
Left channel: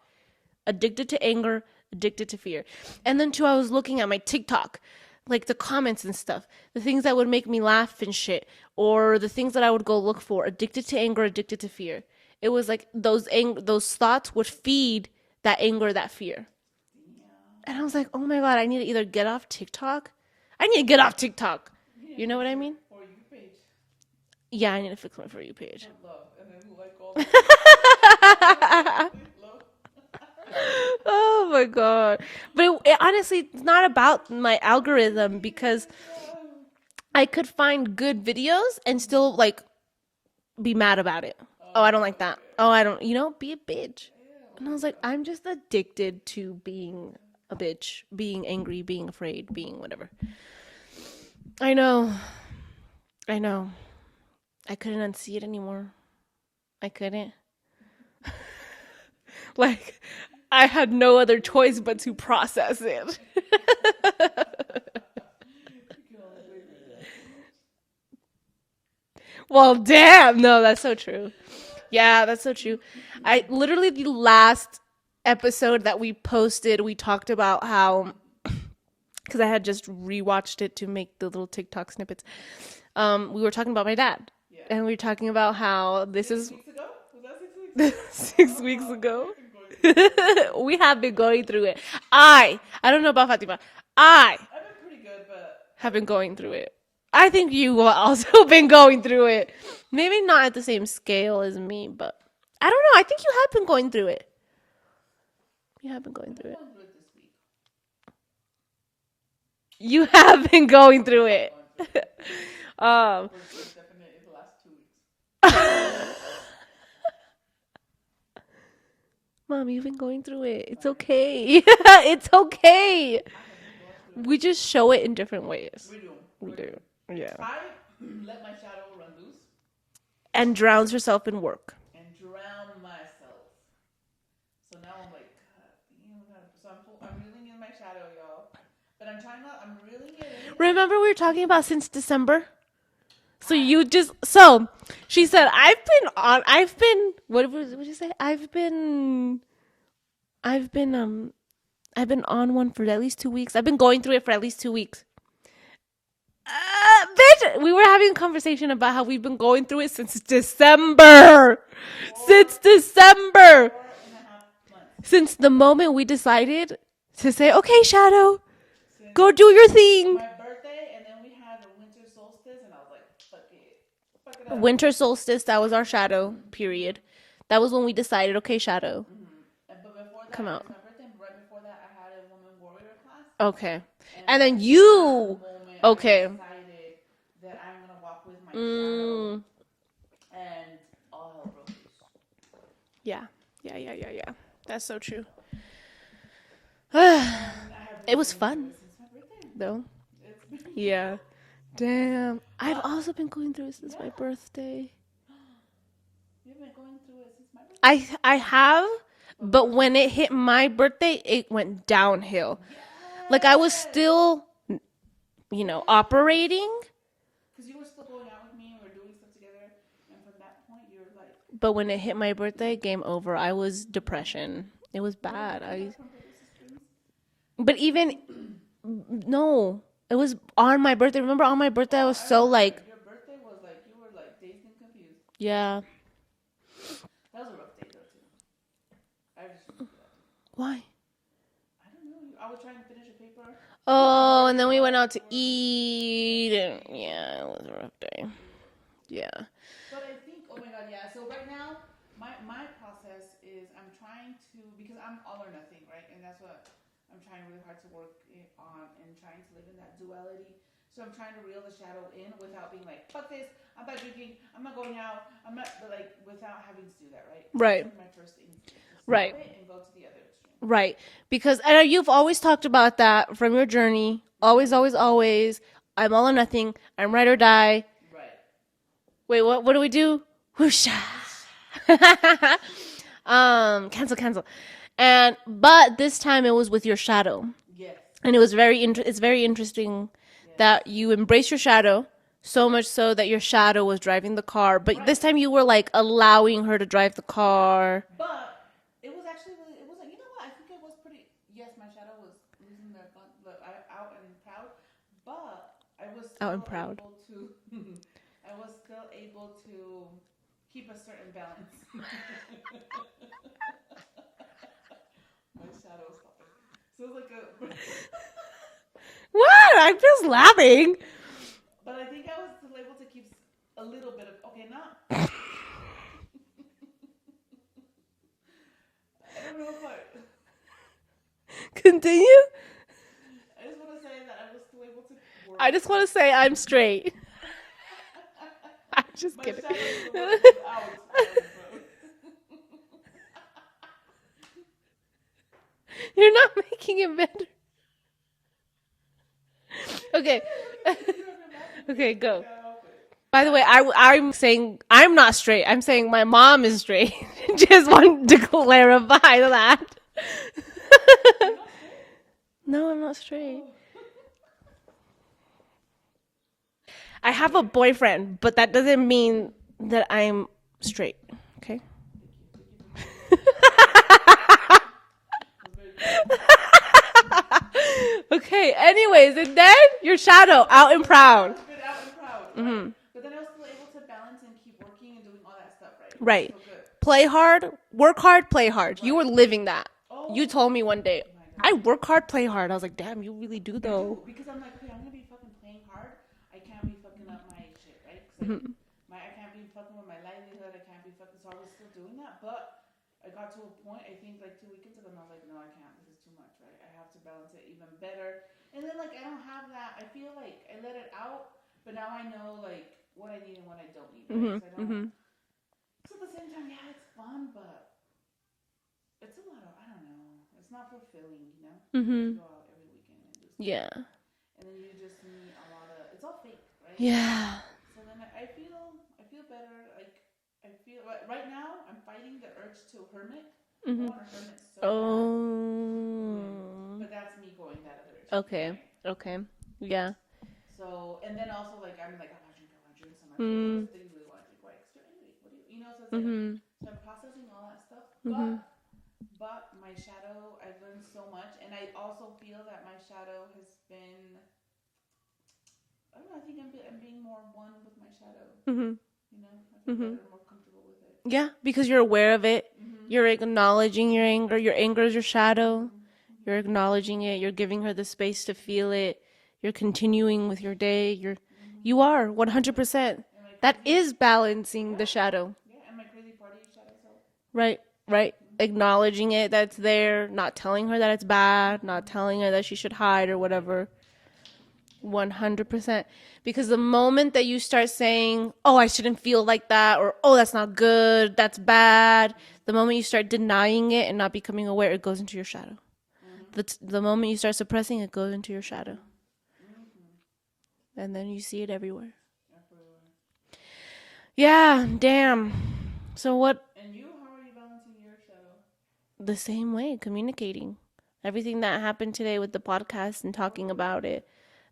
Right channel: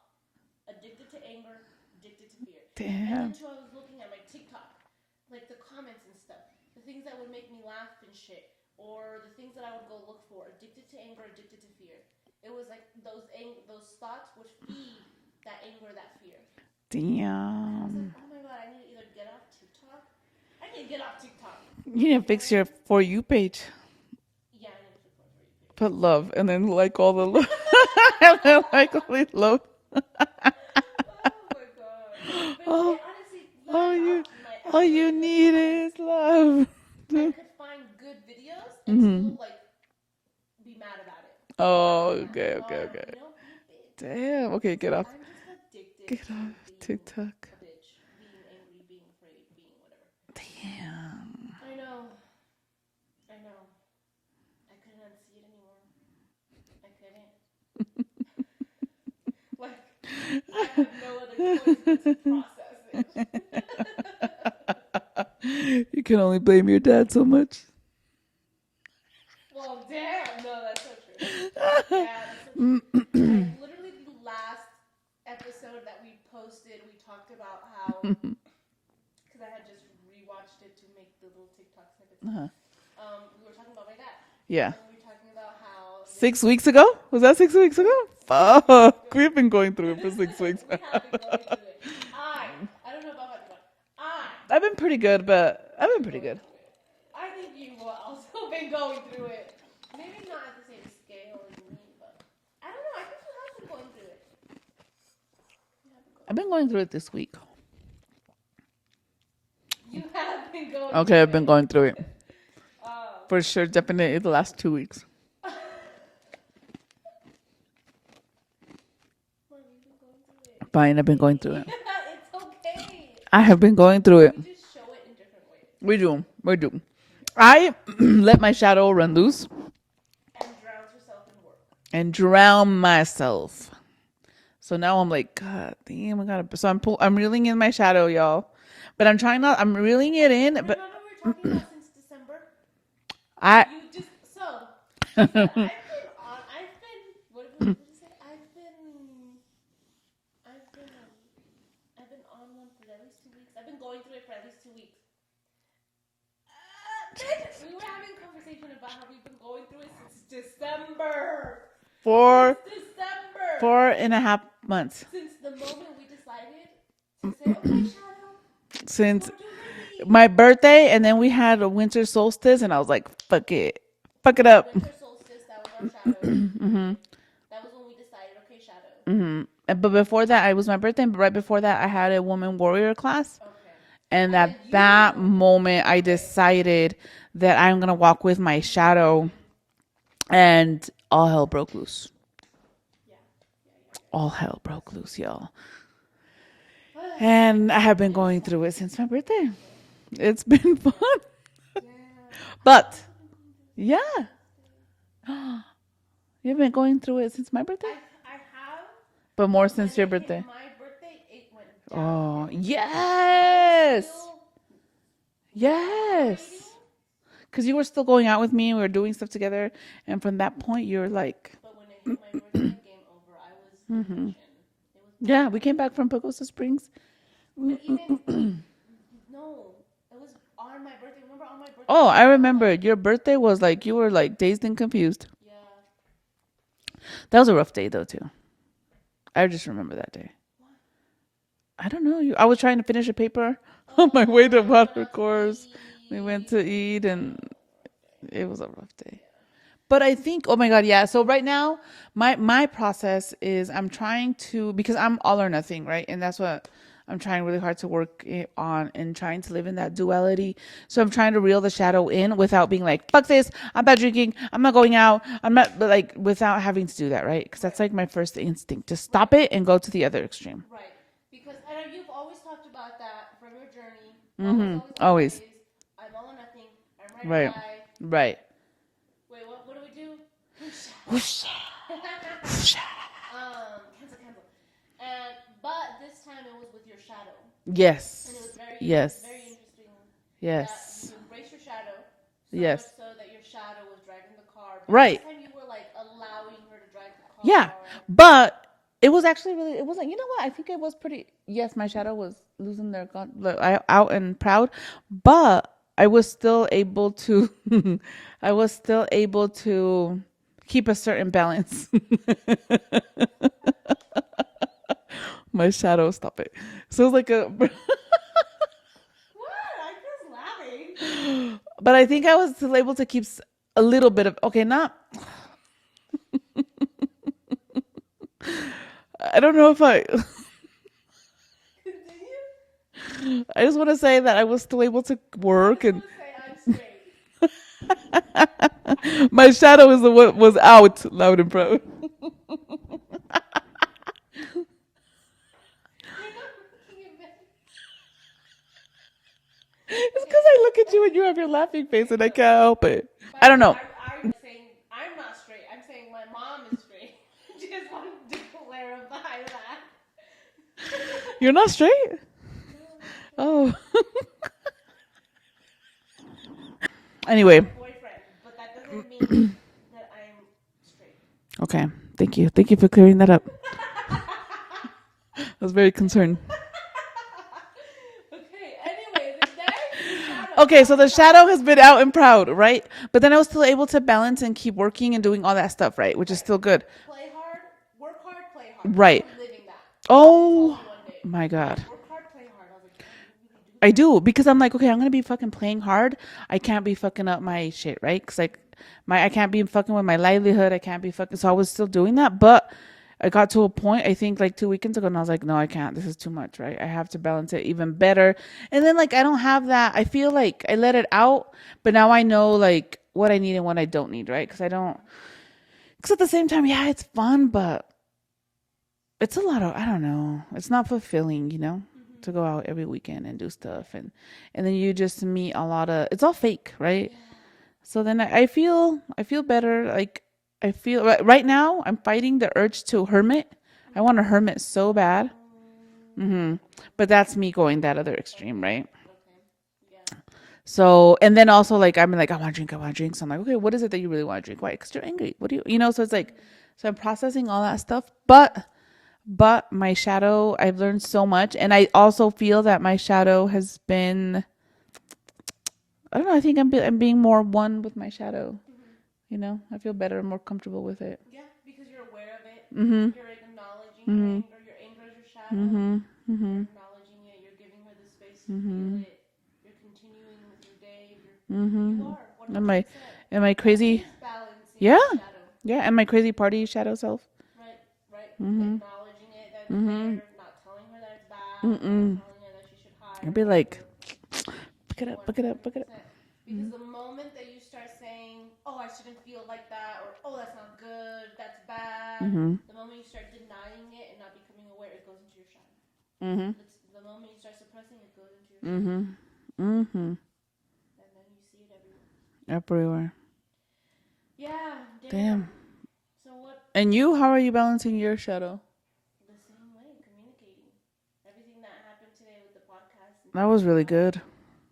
Addicted to anger, addicted to fear. Damn. And then too, I was looking at my TikTok, like the comments and stuff, the things that would make me laugh and shit, or the things that I would go look for. Addicted to anger, addicted to fear. It was like those thoughts would feed that anger, that fear. Damn. And I was like, oh my God, I need to either get off TikTok. I need to get off TikTok. You need to You know fix what I your mean? For You page. Yeah, I need to fix my For You page. Put love and then like all the like love. Oh my God. But it honestly, it's not about my algorithm because I could find good videos and still like be mad about it. Oh, I don't like that. Okay, I okay, don't, be a bitch. Damn. I Okay, was get like, off. I'm just addicted to being TikTok. a bitch, being angry, being afraid, being whatever. Damn. I know. I couldn't unsee it anymore. I couldn't. Like, I had no other choice but to process it. You can only blame your dad so much. Well, damn. No, that's so true. Yeah, that's so true. I literally, the last episode that we posted, we talked about how, because I had just rewatched it to make the little TikTok snippets. We were talking about my dad Yeah. And we were talking about how this 6 is weeks ago? Was that 6 weeks ago? 6 weeks ago. We've been going through it for 6 weeks. We have been going through it. I don't know about Fatima. I've been pretty good, but been going through it. I think you have also been going through it. Maybe not at the same scale as me, but I don't know. I think you have been going through it. You have been going. I've been going through it this week. You have been going through it. Okay, I've been going through it. For sure, definitely the last 2 weeks. Mom, you've been going through it. It's Fine, okay. I've been going through it. It's okay. I have been going through it. We just show it in different ways. We do. Yeah. I let my shadow run loose And drowns herself in work. and drown myself. So now I'm like, God damn, I gotta. So I'm reeling in my shadow, y'all. But I'm trying not. I'm reeling it in. Remember we were talking about since December? What She said, what did you say? I've been on one for at least 2 weeks. I've been going through it for at least 2 weeks. Bitch, we were having a conversation about how we've been going through it since December. 4.5 months. Since the moment we decided to say, okay, Shadow, Since go do your thing. my birthday, and then we had a winter solstice, and I was like, fuck it up. Winter solstice, that was our shadow period. That was when we decided, okay, Shadow. But before that, it was my birthday. But right before that, I had a woman warrior class. Okay. And then at that moment, I decided that I'm going to walk with my shadow. And all hell broke loose. Yeah. All hell broke That's so loose, true. y'all. And I have been It was going fun. through it since my birthday. No. It's been fun. Yeah. Damn. But- I've also been going through it since Yeah. my birthday. You've been going through it since my birthday? I have, more but since when your it hit birthday. my birthday, it went downhill. Yes. Like I was still, you know, operating. Because you were still going out with me. We were doing stuff together. And from that point, you're like... But when it hit my birthday, game over. I was depression. It was bad. Yeah, we came back from Pagosa Springs. But even, no, it was on my birthday. Remember on my birthday? Oh, was I so, remember. like, Your birthday was like, you were like dazed and confused. yeah. That was a rough day though, too. I just remember that day. Why? I don't know. I was trying to finish a paper. Oh, my way and to then we rough went out the to course. eat. We went to eat yeah, and- it was a rough day. It was a rough day. Yeah. But I think, oh my God, yeah. So right now, my process is I'm trying to, because I'm all or nothing, right? And that's what I'm trying really hard to work on and trying to live in that duality. So I'm trying to reel the shadow in without being like, fuck this, I'm not drinking, I'm not going out, I'm not, but like without having to do that, right? Because that's Right. like my first instinct, to stop Right. it and go to the other extreme. Right. Because I know you've always talked about that from your journey. Always. Always. I'm all or nothing. I'm ride or Right. die. Right. Wait, what do we do? Whoosha. Cancel. But this time it was with your shadow. Yes. And it was Yes. it's very interesting Yes. that you embrace your shadow so Yes. much so that your shadow was driving the car. But Right. this time you were like allowing her to drive the car. Yeah. But it was actually really, it wasn't, you know what? I think it was pretty, yes, my shadow was losing their gun, out and proud, but I was still able to, I was still able to keep a certain balance. My shadow, stop it. So it's like a, What? I'm just laughing. but I think I was still able to keep a little bit of, okay, not, I don't know if Continue. I just want to say that I was still able to work. I just want to say I'm straight. My shadow is the one was out loud and proud. You're not making it better. Okay. Because I look at you and you have your laughing face Okay, and I go. can't help it. By I the don't way, know. I'm saying I'm not straight. I'm saying my mom is straight. Just wanted to clarify that. You're not straight? No, I'm not straight. Oh. I Anyway. have a boyfriend, but that doesn't mean that I'm straight. Okay. Thank you. Thank you for clearing that up. I was very concerned. Okay, Okay. Anyways, and then your shadow. Okay, out so and the proud. shadow has been out and proud, right? But then I was still able to balance and keep working and doing all that stuff, right? Which is still good. Play hard, work hard, play hard. Right. You were living that. Oh, You told me one day. My God. I work hard, play hard. I was like, damn, you really do. Though. I do, because I'm like, okay, I'm gonna be fucking playing hard. I can't be fucking up my shit, right? Because like I can't be fucking with my livelihood. I can't be fucking. So I was still doing that, but I got to a point, I think like 2 weekends ago, and I was like, no, I can't. This is too much, right? I have to balance it even better. And then like I don't have that. I feel like I let it out, but now I know like what I need and what I don't need, right? Because I don't. Because at the same time, yeah, it's fun, but it's a lot of, I don't know. It's not fulfilling, you know, to go out every weekend and do stuff, and then you just meet a lot of. It's all fake, right? Yeah. So then I feel better. Like I feel right now I'm fighting the urge to hermit. I want to hermit so bad. But that's me going that other extreme, right? Okay. Yeah. So, and then also like, I'm like, I want to drink. So I'm like, okay, what is it that you really want to drink? Why? Because you're angry. What do you know? So it's like, so I'm processing all that stuff. But my shadow, I've learned so much. And I also feel that my shadow has been, I don't know. I think I'm being more one with my shadow. You know, I feel better and more comfortable with it. Yeah, because you're aware of it. You're acknowledging your anger. Your anger is your shadow. You're acknowledging it. You're giving her the space to feel it. You're continuing with your day. You are 100%. Am I crazy? That is balancing the shadow. Yeah, and my crazy party shadow self. Right. Acknowledging it, that's there. Not telling her that it's bad. Not telling her that she should hide or whatever. 100%. Because the moment that you start saying, oh, I shouldn't feel like that, or oh, that's not good, that's bad, the moment you start denying it and not becoming aware, it goes into your shadow. The moment you start suppressing, it goes into your shadow. And then you see it everywhere. Yeah, damn. So what? And you, how are you balancing your shadow? The same way, communicating. Everything that happened today with the podcast and talking that was really about good. It.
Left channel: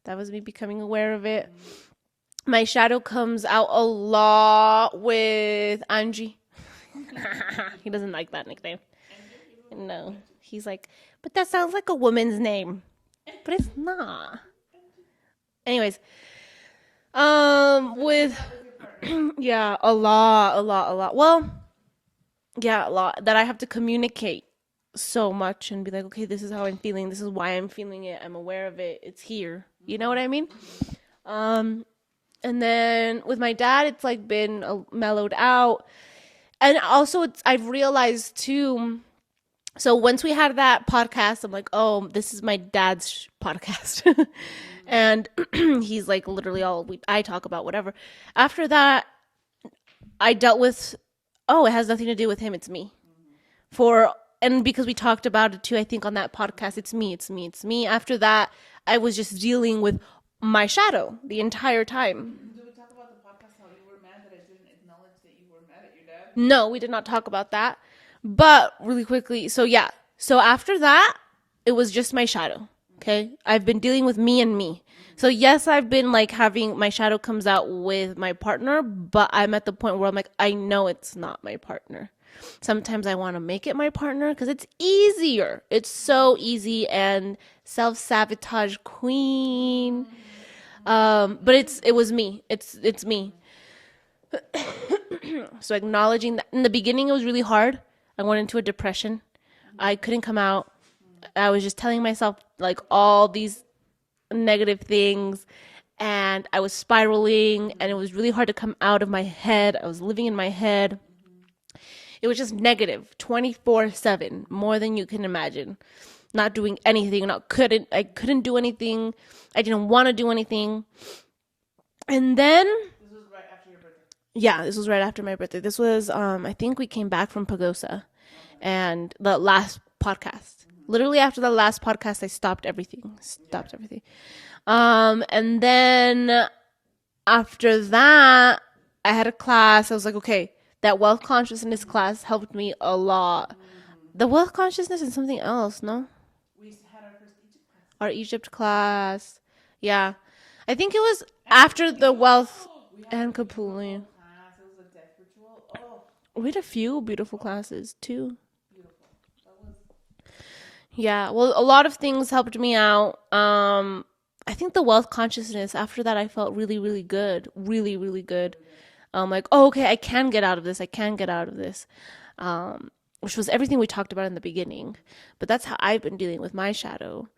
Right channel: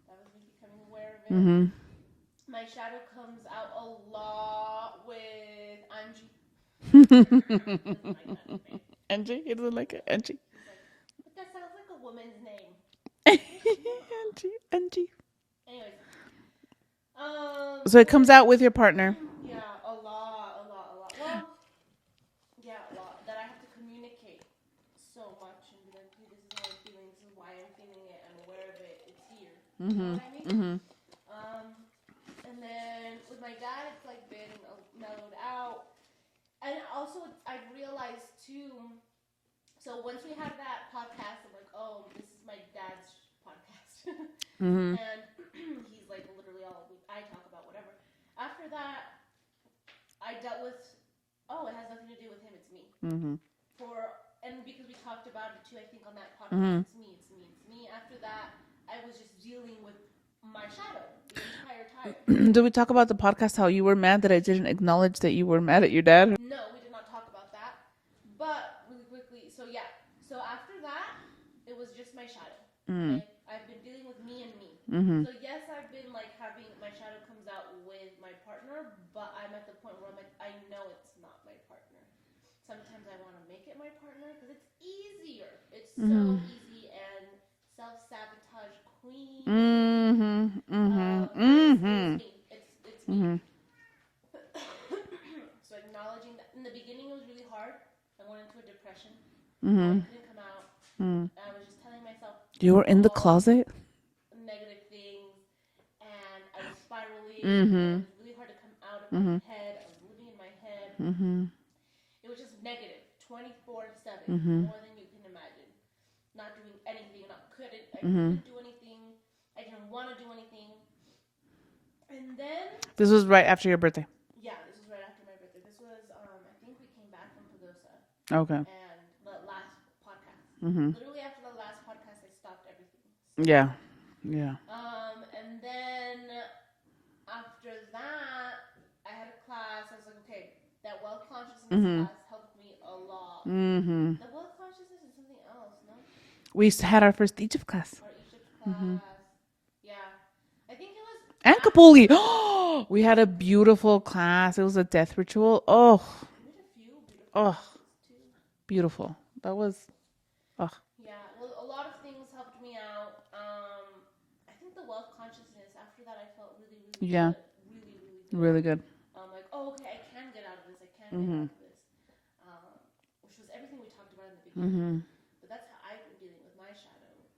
That was me becoming aware of it. My shadow comes out a lot with Angie. He doesn't like that nickname. Angie? He doesn't like it. Angie. He's like, but that sounds like a woman's name. But it's not. Angie. Anyways. So it comes out with your partner. Yeah, a lot. Well, yeah, a lot. That I have to communicate so much and be like, okay, this is how I'm feeling. This is why I'm feeling it. I'm aware of it. It's here. You know what I mean? And then with my dad, it's like been mellowed out. And also I've realized too, so once we had that podcast, I'm like, oh, this is my dad's podcast. And he's like literally I talk about whatever. After that, I dealt with, it has nothing to do with him. It's me. And because we talked about it too, I think on that podcast, it's me. After that, I was just dealing with my shadow the entire time. Did we talk about the podcast, how you were mad that I didn't acknowledge that you were mad at your dad? No, we did not talk about that. But really quickly, so after that, it was just my shadow. Okay. I've been dealing with me and me. So yes, I've been like having my shadow comes out with my partner, but I'm at the point where I'm like, I know it's not my partner. Sometimes I want to make it my partner because it's easier. It's so easy and self-sabotage queen. But it was me. It's me. So acknowledging that in the beginning, it was really hard. I went into a depression. I couldn't come out. I was just telling myself like all these negative things, and I was spiraling, and it was really hard to come out of my head. I was living in my head. It was just negative 24/7, more than you can imagine. Not doing anything. I couldn't do anything. I didn't want to do anything. And then this was right after your birthday. Yeah, this was right after my birthday. This was I think we came back from Pagosa. Okay. And the last podcast. Literally after the last podcast, I stopped everything. Everything. Yeah. And then after that, I had a class. I was like, okay, that wealth consciousness class helped me a lot. The wealth consciousness is something else, no? We had our first Egypt class. Our Egypt class. Yeah. I think it was and after Kapuli. the wealth. We had a beautiful class. It was a death ritual. Oh. We had a few beautiful classes too. Beautiful. That was. Oh. Yeah. Well, a lot of things helped me out. I think the wealth consciousness, after that, I felt really, really Yeah. good. Really, really good. Really good. Like, oh, okay, I can get out of this. I can get out of this. Which was everything we talked about in the beginning. But that's how I've been dealing with my shadow.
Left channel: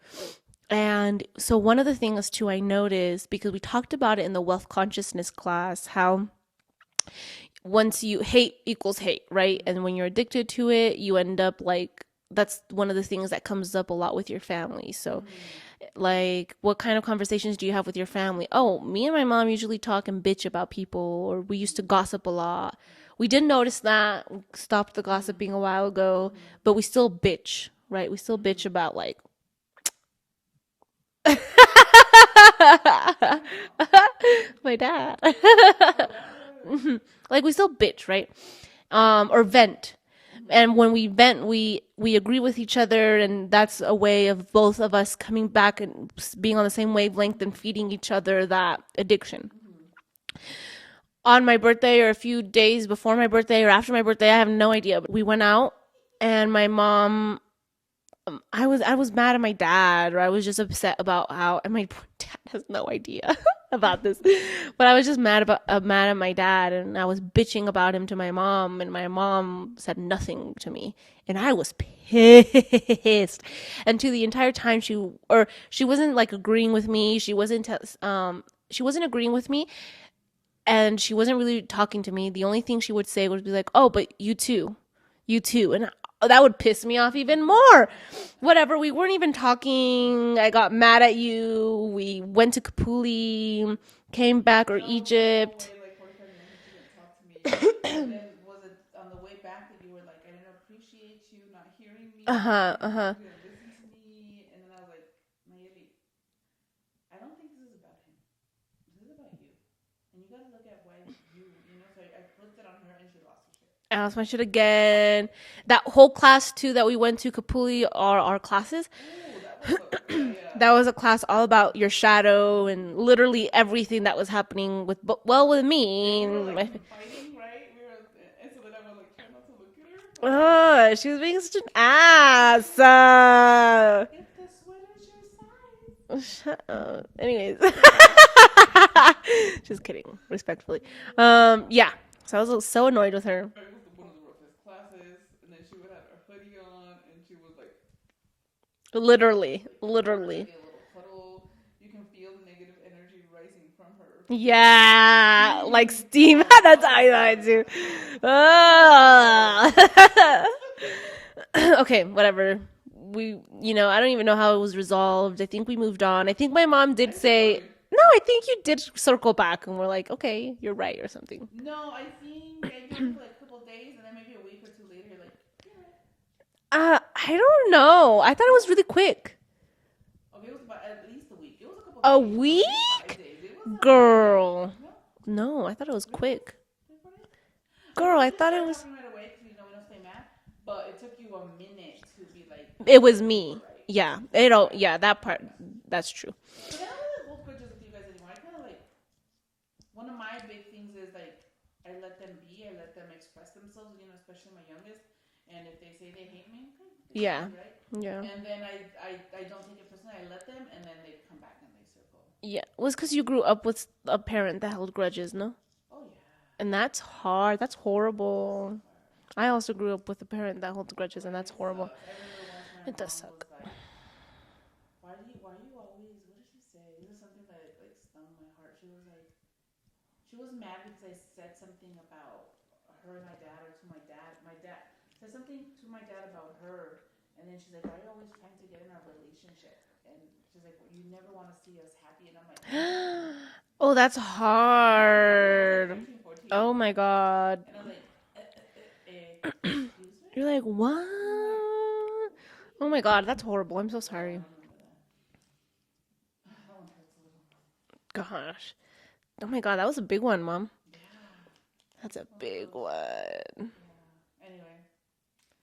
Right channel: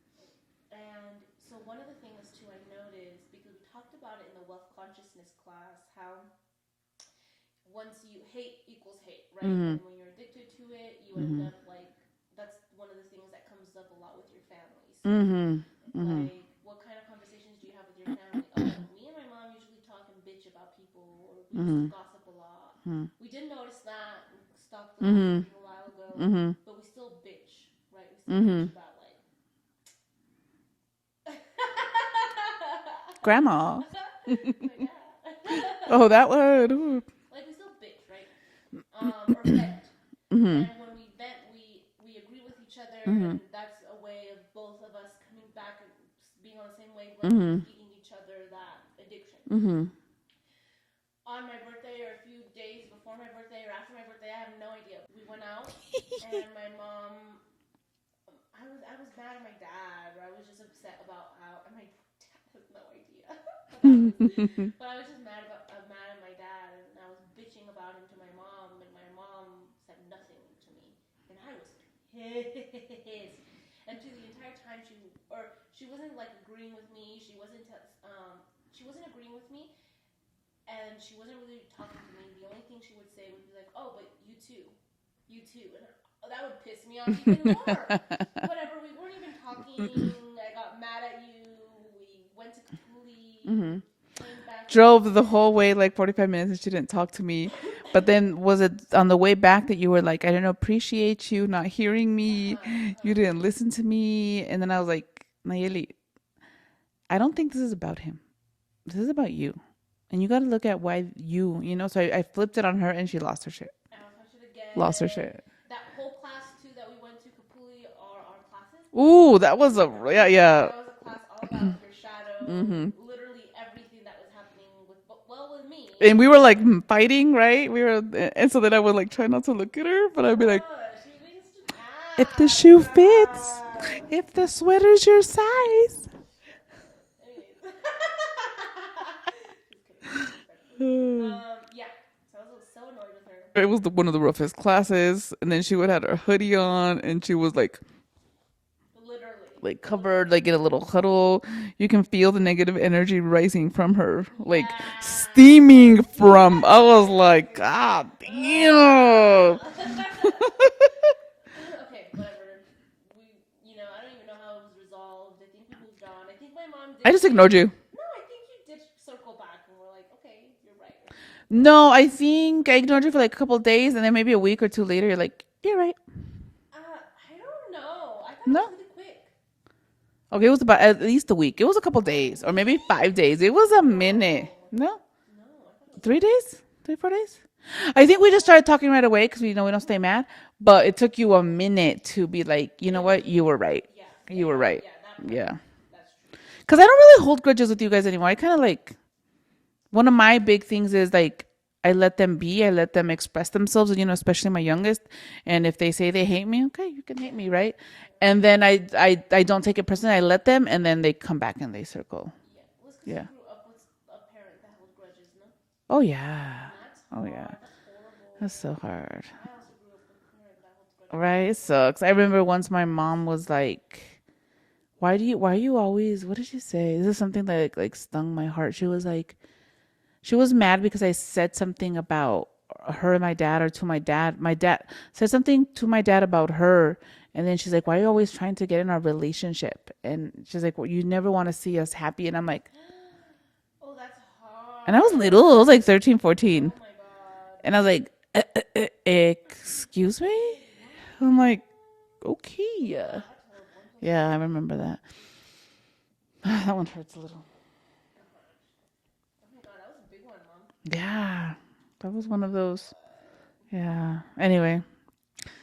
And so one of the things too I noticed, because we talked about it in the wealth consciousness class, how once you hate equals hate, right? And when you're addicted to it, you end up like, that's one of the things that comes up a lot with your family. So like, what kind of conversations do you have with your family? Oh, me and my mom usually talk and bitch about people, or we used to gossip a lot. We did notice that. We stopped the gossiping a while ago, but we still bitch, right? We still bitch about like Grandma. my dad. Oh, that word. Like, we still bitch, right? Or vent. And when we vent, we agree with each other, and that's a way of both of us coming back and being on the same wavelength and feeding each other that addiction. On my birthday, or a few days before my birthday, or after my birthday, I have no idea, but we went out and my mom, I was mad at my dad, or I was just upset about how, and my poor dad has no idea about this, but I was just mad at my dad, and I was bitching about him to my mom, and my mom said nothing to me, and I was pissed. And to the entire time, she wasn't like agreeing with me. She wasn't agreeing with me, and she wasn't really talking to me. The only thing she would say would be like, "Oh, but you too," and that would piss me off even more. Whatever. We weren't even talking. I got mad at you. We went to Kapuli, came back, Drove the whole way like 45 minutes and she didn't talk to me. But then was it on the way back that you were like, I don't appreciate you not hearing me. You didn't listen to me. And then I was like, Nayeli, I don't think this is about him. This is about you. And you got to look at why so I flipped it on her and she lost her shit. I lost my shit again. Lost her shit. That whole class too that we went to Kapuli are our classes. Ooh, that was yeah. That was a class all about your shadow and literally everything that was happening with me. And we were like fighting, right? And so then I would like try not to look at her, but I'd be like, she was being such an ass. If the shoe fits, if the sweater's your size. Shut up. Anyways. Just kidding, respectfully. Yeah. So I was so annoyed with her. It was one of the roughest classes, and then she would have her hoodie on, and she was like, literally, like covered, like in a little huddle. You can feel the negative energy rising from her. Yeah, like steaming from. I was like, God damn. Okay, whatever. I don't even know how it was resolved. I think we moved on. I think my mom did. I just ignored you. No, I think you did circle back and we're like, okay, you're right or something. No, I think I ignored you for like a couple of days, and then maybe a week or two later, you're like, you're right. I don't know. I thought it was really quick. Okay, it was about at least a week. It was a couple of days, or maybe 5 days. It was a minute. No, I thought it was 3 quick. days, 3-4 days. I think we just started talking right away because we don't stay mad. But it took you a minute to be like, you were right. Yeah, right. Yeah, that part. Yeah, that's true. Because I don't really hold grudges with you guys anymore. I kind of like, one of my big things is like, I let them be. I let them express themselves, and especially my youngest. And if they say they hate me, okay, you can hate me, right? Yeah. And then I don't take it personally. I let them, and then they come back and they circle. Yeah, it was because you grew up with a parent that held grudges, no? Oh yeah. And that's hard. Yeah. That's horrible. That's so hard. I also grew up with a parent that holds grudges. Right, it sucks. I remember once my mom was like, why are you always, what did she say? This is something that like stung my heart. She was like, she was mad because I said something about her and my dad, or to my dad. My dad said something to my dad about her. And then she's like, why are you always trying to get in our relationship? And she's like, well, you never want to see us happy. And I'm like, oh, that's hard. And I was little. I was like 13, 14. Oh my God. And I was like, excuse me? You're like, what? I'm like, okay. Oh my God, that's horrible. I'm so sorry. Yeah, I remember that. That one hurts a little. Gosh. Oh my God, that was a big one, Mom. Yeah. That was one of those. One. Yeah. Anyway.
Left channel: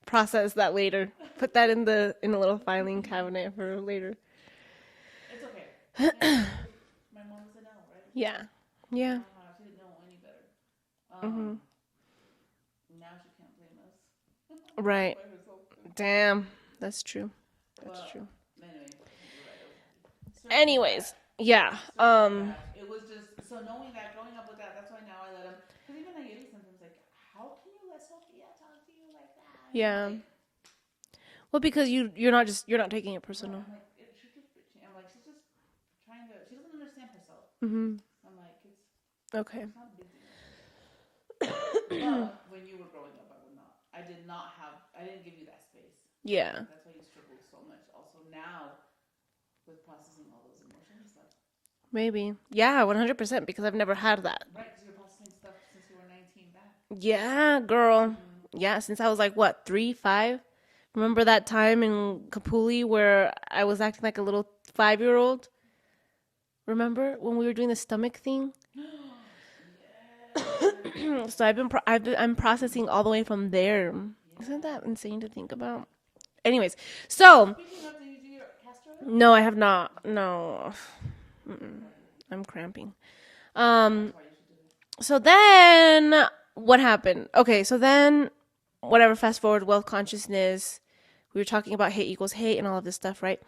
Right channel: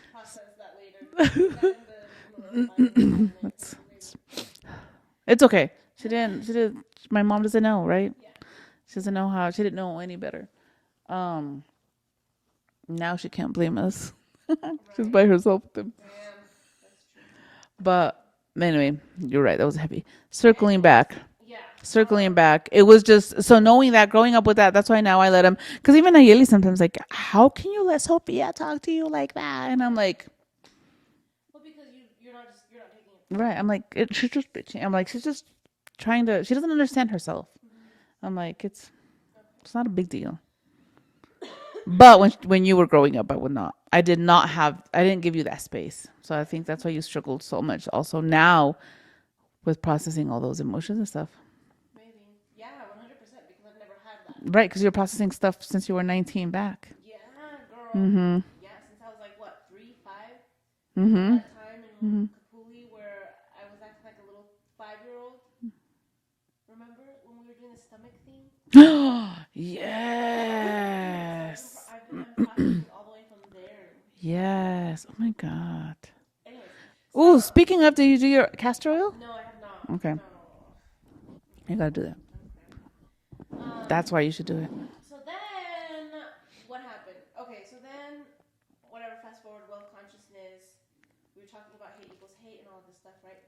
Process that later. Put that in a little filing cabinet for later. It's okay. My mom doesn't know, right? Yeah. She doesn't know how. She didn't know any better. Now she can't blame us. Right. She's by herself. Damn. That's true. But anyway, you're right. That was heavy. Circling Anyways, back. yeah. Circling back. It was just, so knowing that, growing up with that, that's why now I let him. Because even Nayeli sometimes like, how can you let Sophia talk to you like that? And I'm like, well, because you're not taking it personally. right. I'm like, she's just bitching. I'm like, she's just trying to, she doesn't understand herself. Mm-hmm. I'm like, it's Okay. It's not a big deal. But when you were growing up, I would not. I didn't give you that space. So I think that's why you struggled so much. Also now with processing all those emotions and stuff. Maybe. Yeah, 100%, because I've never had that. Right, because you're processing stuff since you were 19 back. Yeah, girl. Mm-hmm. Yeah, since I was like, what, 3, 5? Remember that time in Kapuli where I was acting like a little 5-year-old? Remember when we were doing the stomach thing? Yes. So I'm processing all the way from there. Yes. Isn't that insane to think about? God. Anyways, so Speaking of, did you do your castor oil? no, I have not. Okay. No, You gotta do that. I'm cramping. That's why you should do it. So then what happened? Okay, so then whatever, fast forward, wealth consciousness. We were talking about hate equals hate and all of this stuff, right?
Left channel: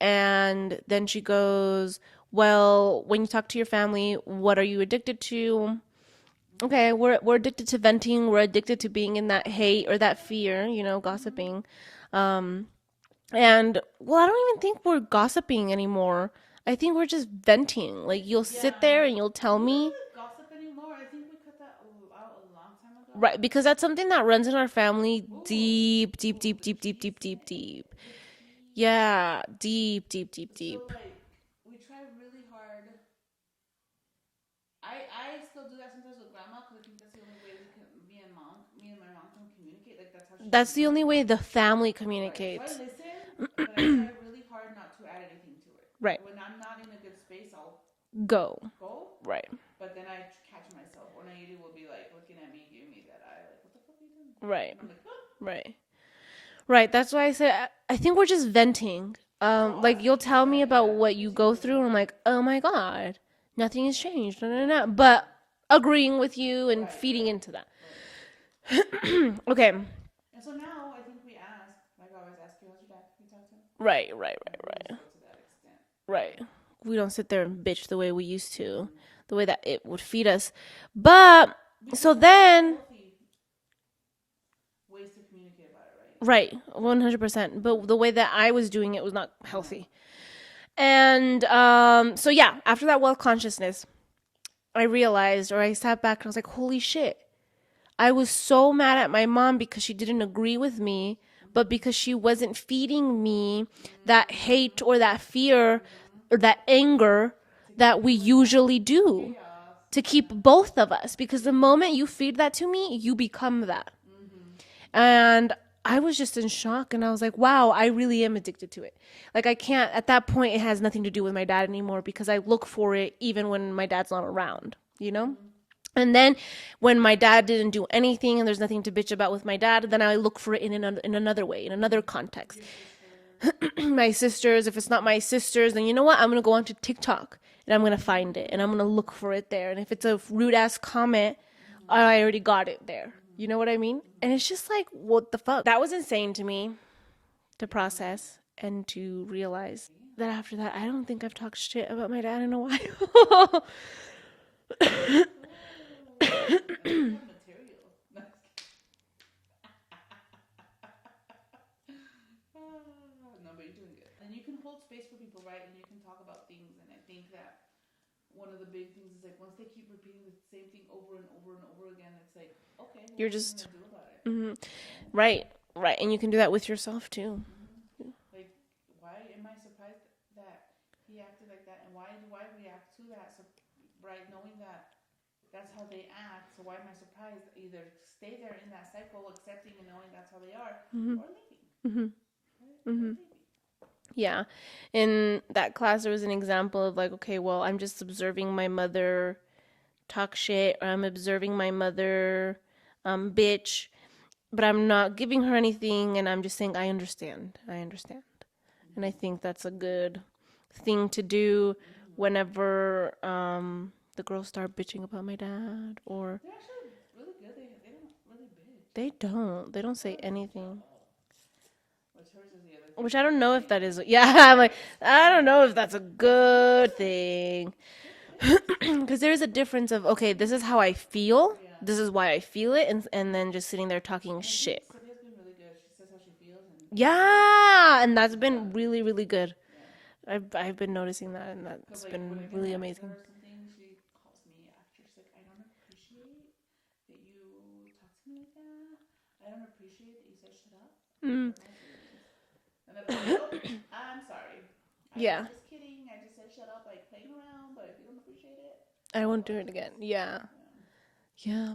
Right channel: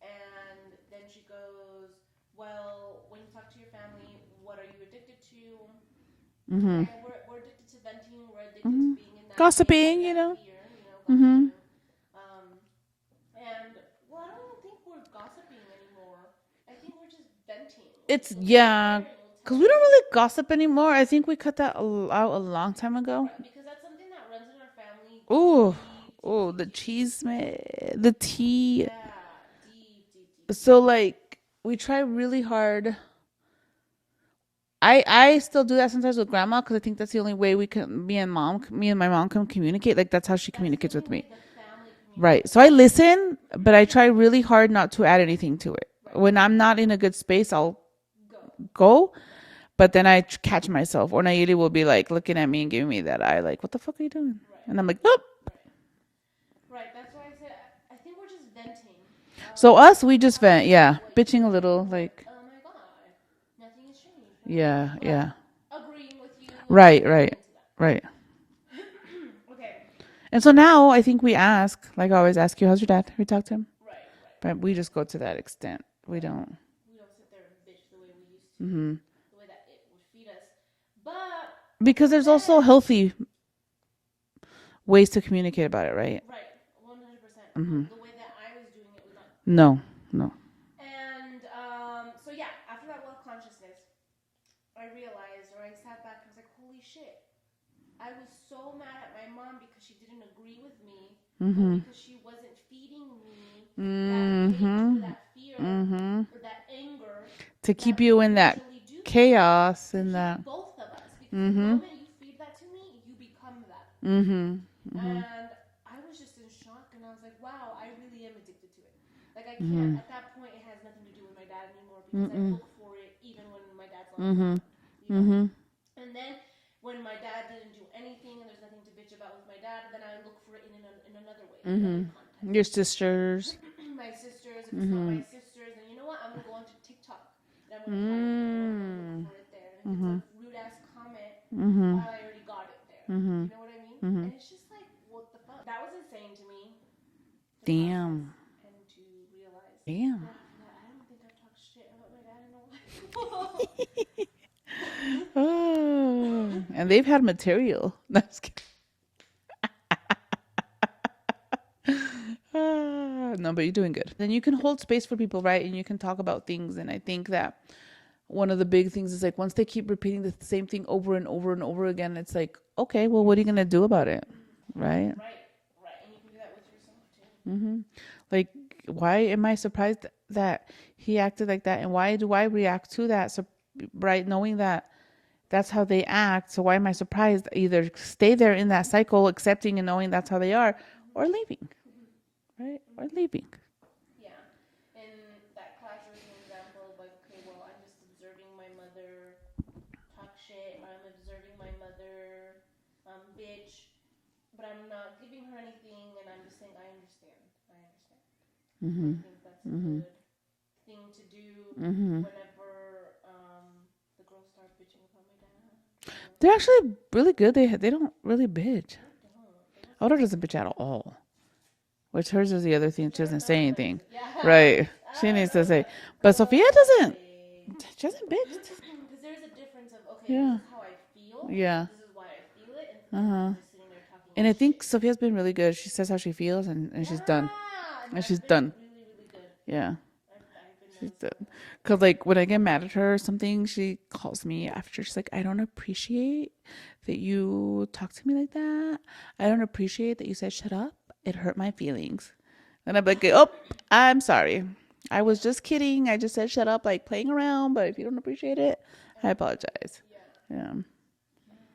And then she goes, well, when you talk to your family, what are you addicted to? Mm-hmm. Okay, we're addicted to venting. We're addicted to being in that Gossiping, hate or that fear, gossiping. And well, I don't even think we're gossiping anymore. I think we're just venting. Like you'll sit there and you'll tell me. We don't really gossip anymore. I think we cut that out a long time ago. Right, because that's something that runs in our family deep. The tea. Yeah, deep. So like we try really hard. I still do that sometimes with grandma because I think that's the only way me and my mom can communicate. Like that's how she communicates. That's the only way the family communicates. Right. So I listen, but I try really hard not to add anything to it. Right. When I'm not in a good space, I'll go. Right. But then I catch myself, or Nayeli will be like looking at me and giving me that eye, like, "What the fuck are you doing?" Right. And I'm like, "Nope." Right. That's why I said I think we're just venting. So us, we just vent, what bitching you go a little. Through, and I'm like, oh my god, nothing has changed. Yeah. But agreeing with you and feeding into that. Right. Okay. And so now I think we ask, like I always ask you, how's your dad? We talk to him. Right. We just go to that extent. We don't sit there and bitch the way we used to, the way that it would feed us. But because there's also healthy ways to communicate about it, right? Right, 100%. But the way that I was doing it was not healthy. No. And so yeah, after that wealth consciousness, I realized, or I sat back and I was like, holy shit. I was so mad at my mom because she didn't agree with me, but because she wasn't feeding me that hate or that fear or that anger that we usually do. Chaos. To keep both of us. Because the moment you feed that to me, you become that. And I was just in shock. And I was like, wow, I really am addicted to it. Like I can't, at that point, it has nothing to do with my dad anymore because I look for it even when my dad's not around, you know? And then when my dad didn't do anything and there's nothing to bitch about with my dad, then I look for it in another way, in another context. Your sisters. My sisters. If it's not my sisters, then you know what? I'm going to go onto TikTok and I'm going to find it and I'm going to look for it there. And if it's a rude ass comment, I already got it there. You know what I mean? And it's just like, what the fuck? That was insane to me to process and to realize that after that, I don't think I've talked shit about my dad in a while. And they've had material. No, but you're doing good. Then you can hold space for people, right? And you can talk about things. And I think that one of the big things is like once they keep repeating the same thing over and over and over again, it's like, okay, well, what are you gonna do about it? Right. And you can do that with yourself too. Like, why am I surprised that he acted like that, and why do I react to that? So, right, knowing that that's how they act. So why am I surprised? Either stay there in that cycle, accepting and knowing that's how they are, or leaving. Right? Or leaving. Yeah. In that class, there was an example of like, okay, well, I'm just observing my mother talk shit, or I'm observing my mother bitch, but I'm not giving her anything, and I'm just saying, I understand. And I think that's a good thing to do whenever the girls start bitching about my dad, or they're actually really good. They don't really bitch. They don't say Oda anything. doesn't bitch at all. Which hers is the other thing. Which She I don't doesn't know say if that anything. is. Yeah, Right. like, She I don't needs know to if say- that's a But good Sophia doesn't. thing. She doesn't bitch. Because there is a difference of, okay, this Yeah. is how I feel. Yeah. This is why I feel it. And then Uh-huh. just sitting there talking And I shit. think Sophia's been really good. She says how she feels and she's done. Yeah. And And that's she's been done. really, really good. Yeah. I've been noticing that. Because, like, when I get mad at her or something, she calls me after. She's like, I don't appreciate that you talk to me like that. I don't appreciate that you said shut up. It hurt my feelings. And I'm like, oh, I'm sorry. I was just kidding. I just said shut up, like playing around. But if you don't appreciate it, I apologize. Yeah. Yeah. Yeah.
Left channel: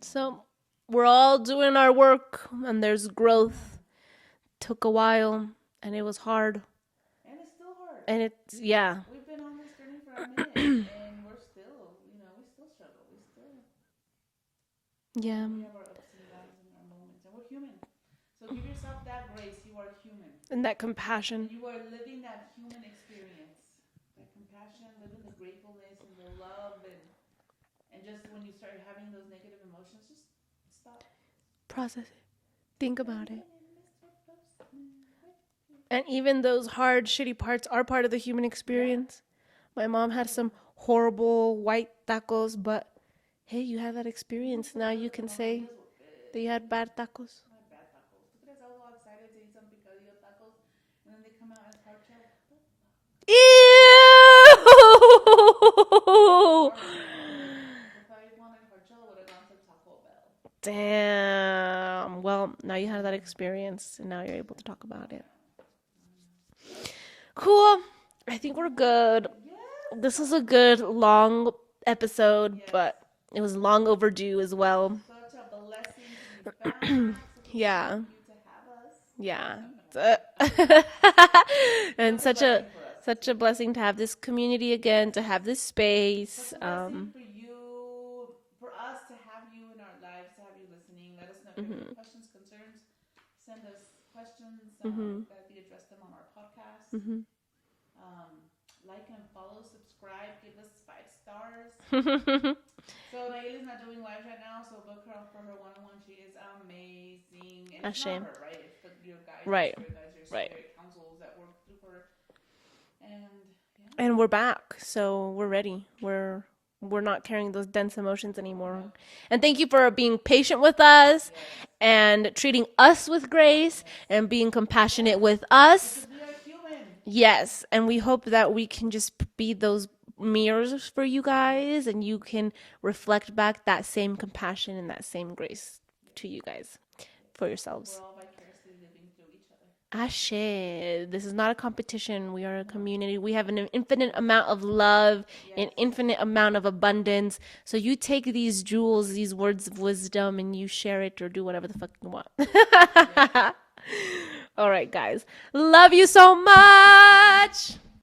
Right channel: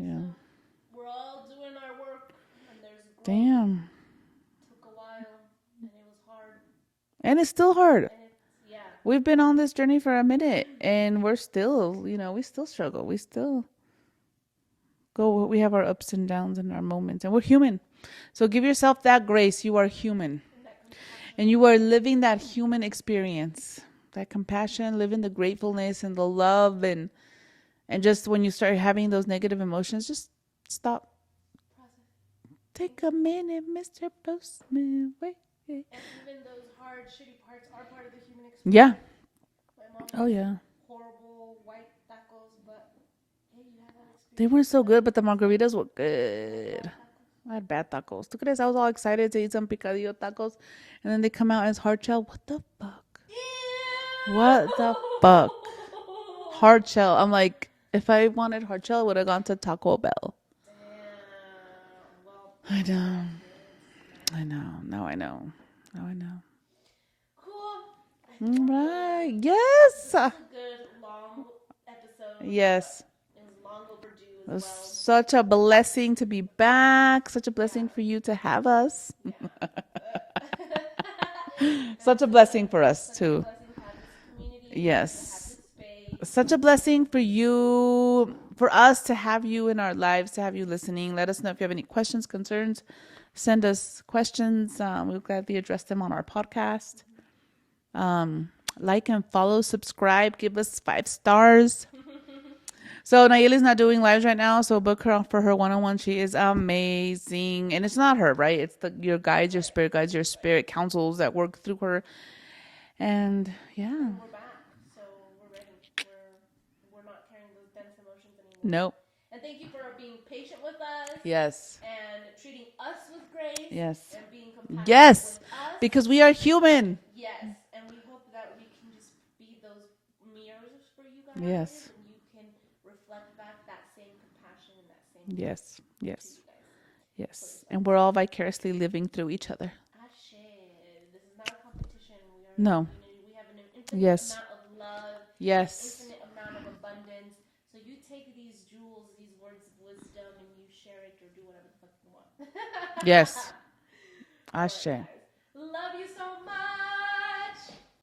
So we're all doing our work and there's growth. Damn. Took a while and it was hard. And it's still hard. And it's, yeah. We've been on this journey for a minute and we're still, we still struggle. We still go, we have our ups and downs and our moments and we're human. So give yourself that grace. You are human. And that compassion. And you are living that human experience, that compassion, living the gratefulness and the love. And just when you start having those negative emotions, just stop. Process it. Take a minute, Mr. Postman. Wait. And even those hard, shitty parts are part of the human experience. My mom had some horrible white tacos, but hey, you had that experience. They weren't so Now good, but the can say margaritas were good. They had bad tacos. I had bad tacos. Look at this. I was all excited to eat some picadillo tacos, and then they come out as hard shell. What the fuck? Ew! What the fuck? Hard shell. I'm like, if I wanted hard shell, I would have gone to Taco Bell. Damn. Well, now you have that experience, and now you're able to talk about Now I know. Now I know. Cool. I think we're good. Yes. This is a good long episode. Yes. But it was long overdue as well. Such a blessing to be back. Such a blessing for you to have us. Yeah. Such a blessing for us, Such too. a blessing to have this community again, to have this space. Such a blessing for you, for us to have you in our lives, to have you listening. Let us know if you have any questions, concerns. Send us questions. We'll gladly address them on our podcast. Like and follow, subscribe, give us 5 stars. So Nayeli's not doing lives right now, so book her for her one-on-one. She is amazing. And it's not her, right? It's your guides, your spirit guides, your spirit counsels that work through her. And and we're back, so we're ready. We're not carrying those dense emotions anymore. Nope. And thank you for being patient with us. Yes. And treating us with grace. Yes. And being compassionate with us. Because we are human. Yes. And we hope that we can just be those mirrors for you guys. And you can reflect back that same compassion and that same grace to you guys. Yes. For yourselves. And we're all vicariously living through each other. Ashe. This is not a competition. We are a community. We have an infinite amount of love, an infinite amount of abundance. So you take these jewels, these words of wisdom, and you share it or do whatever the fuck you want. Yes. All right, guys. Love you so much.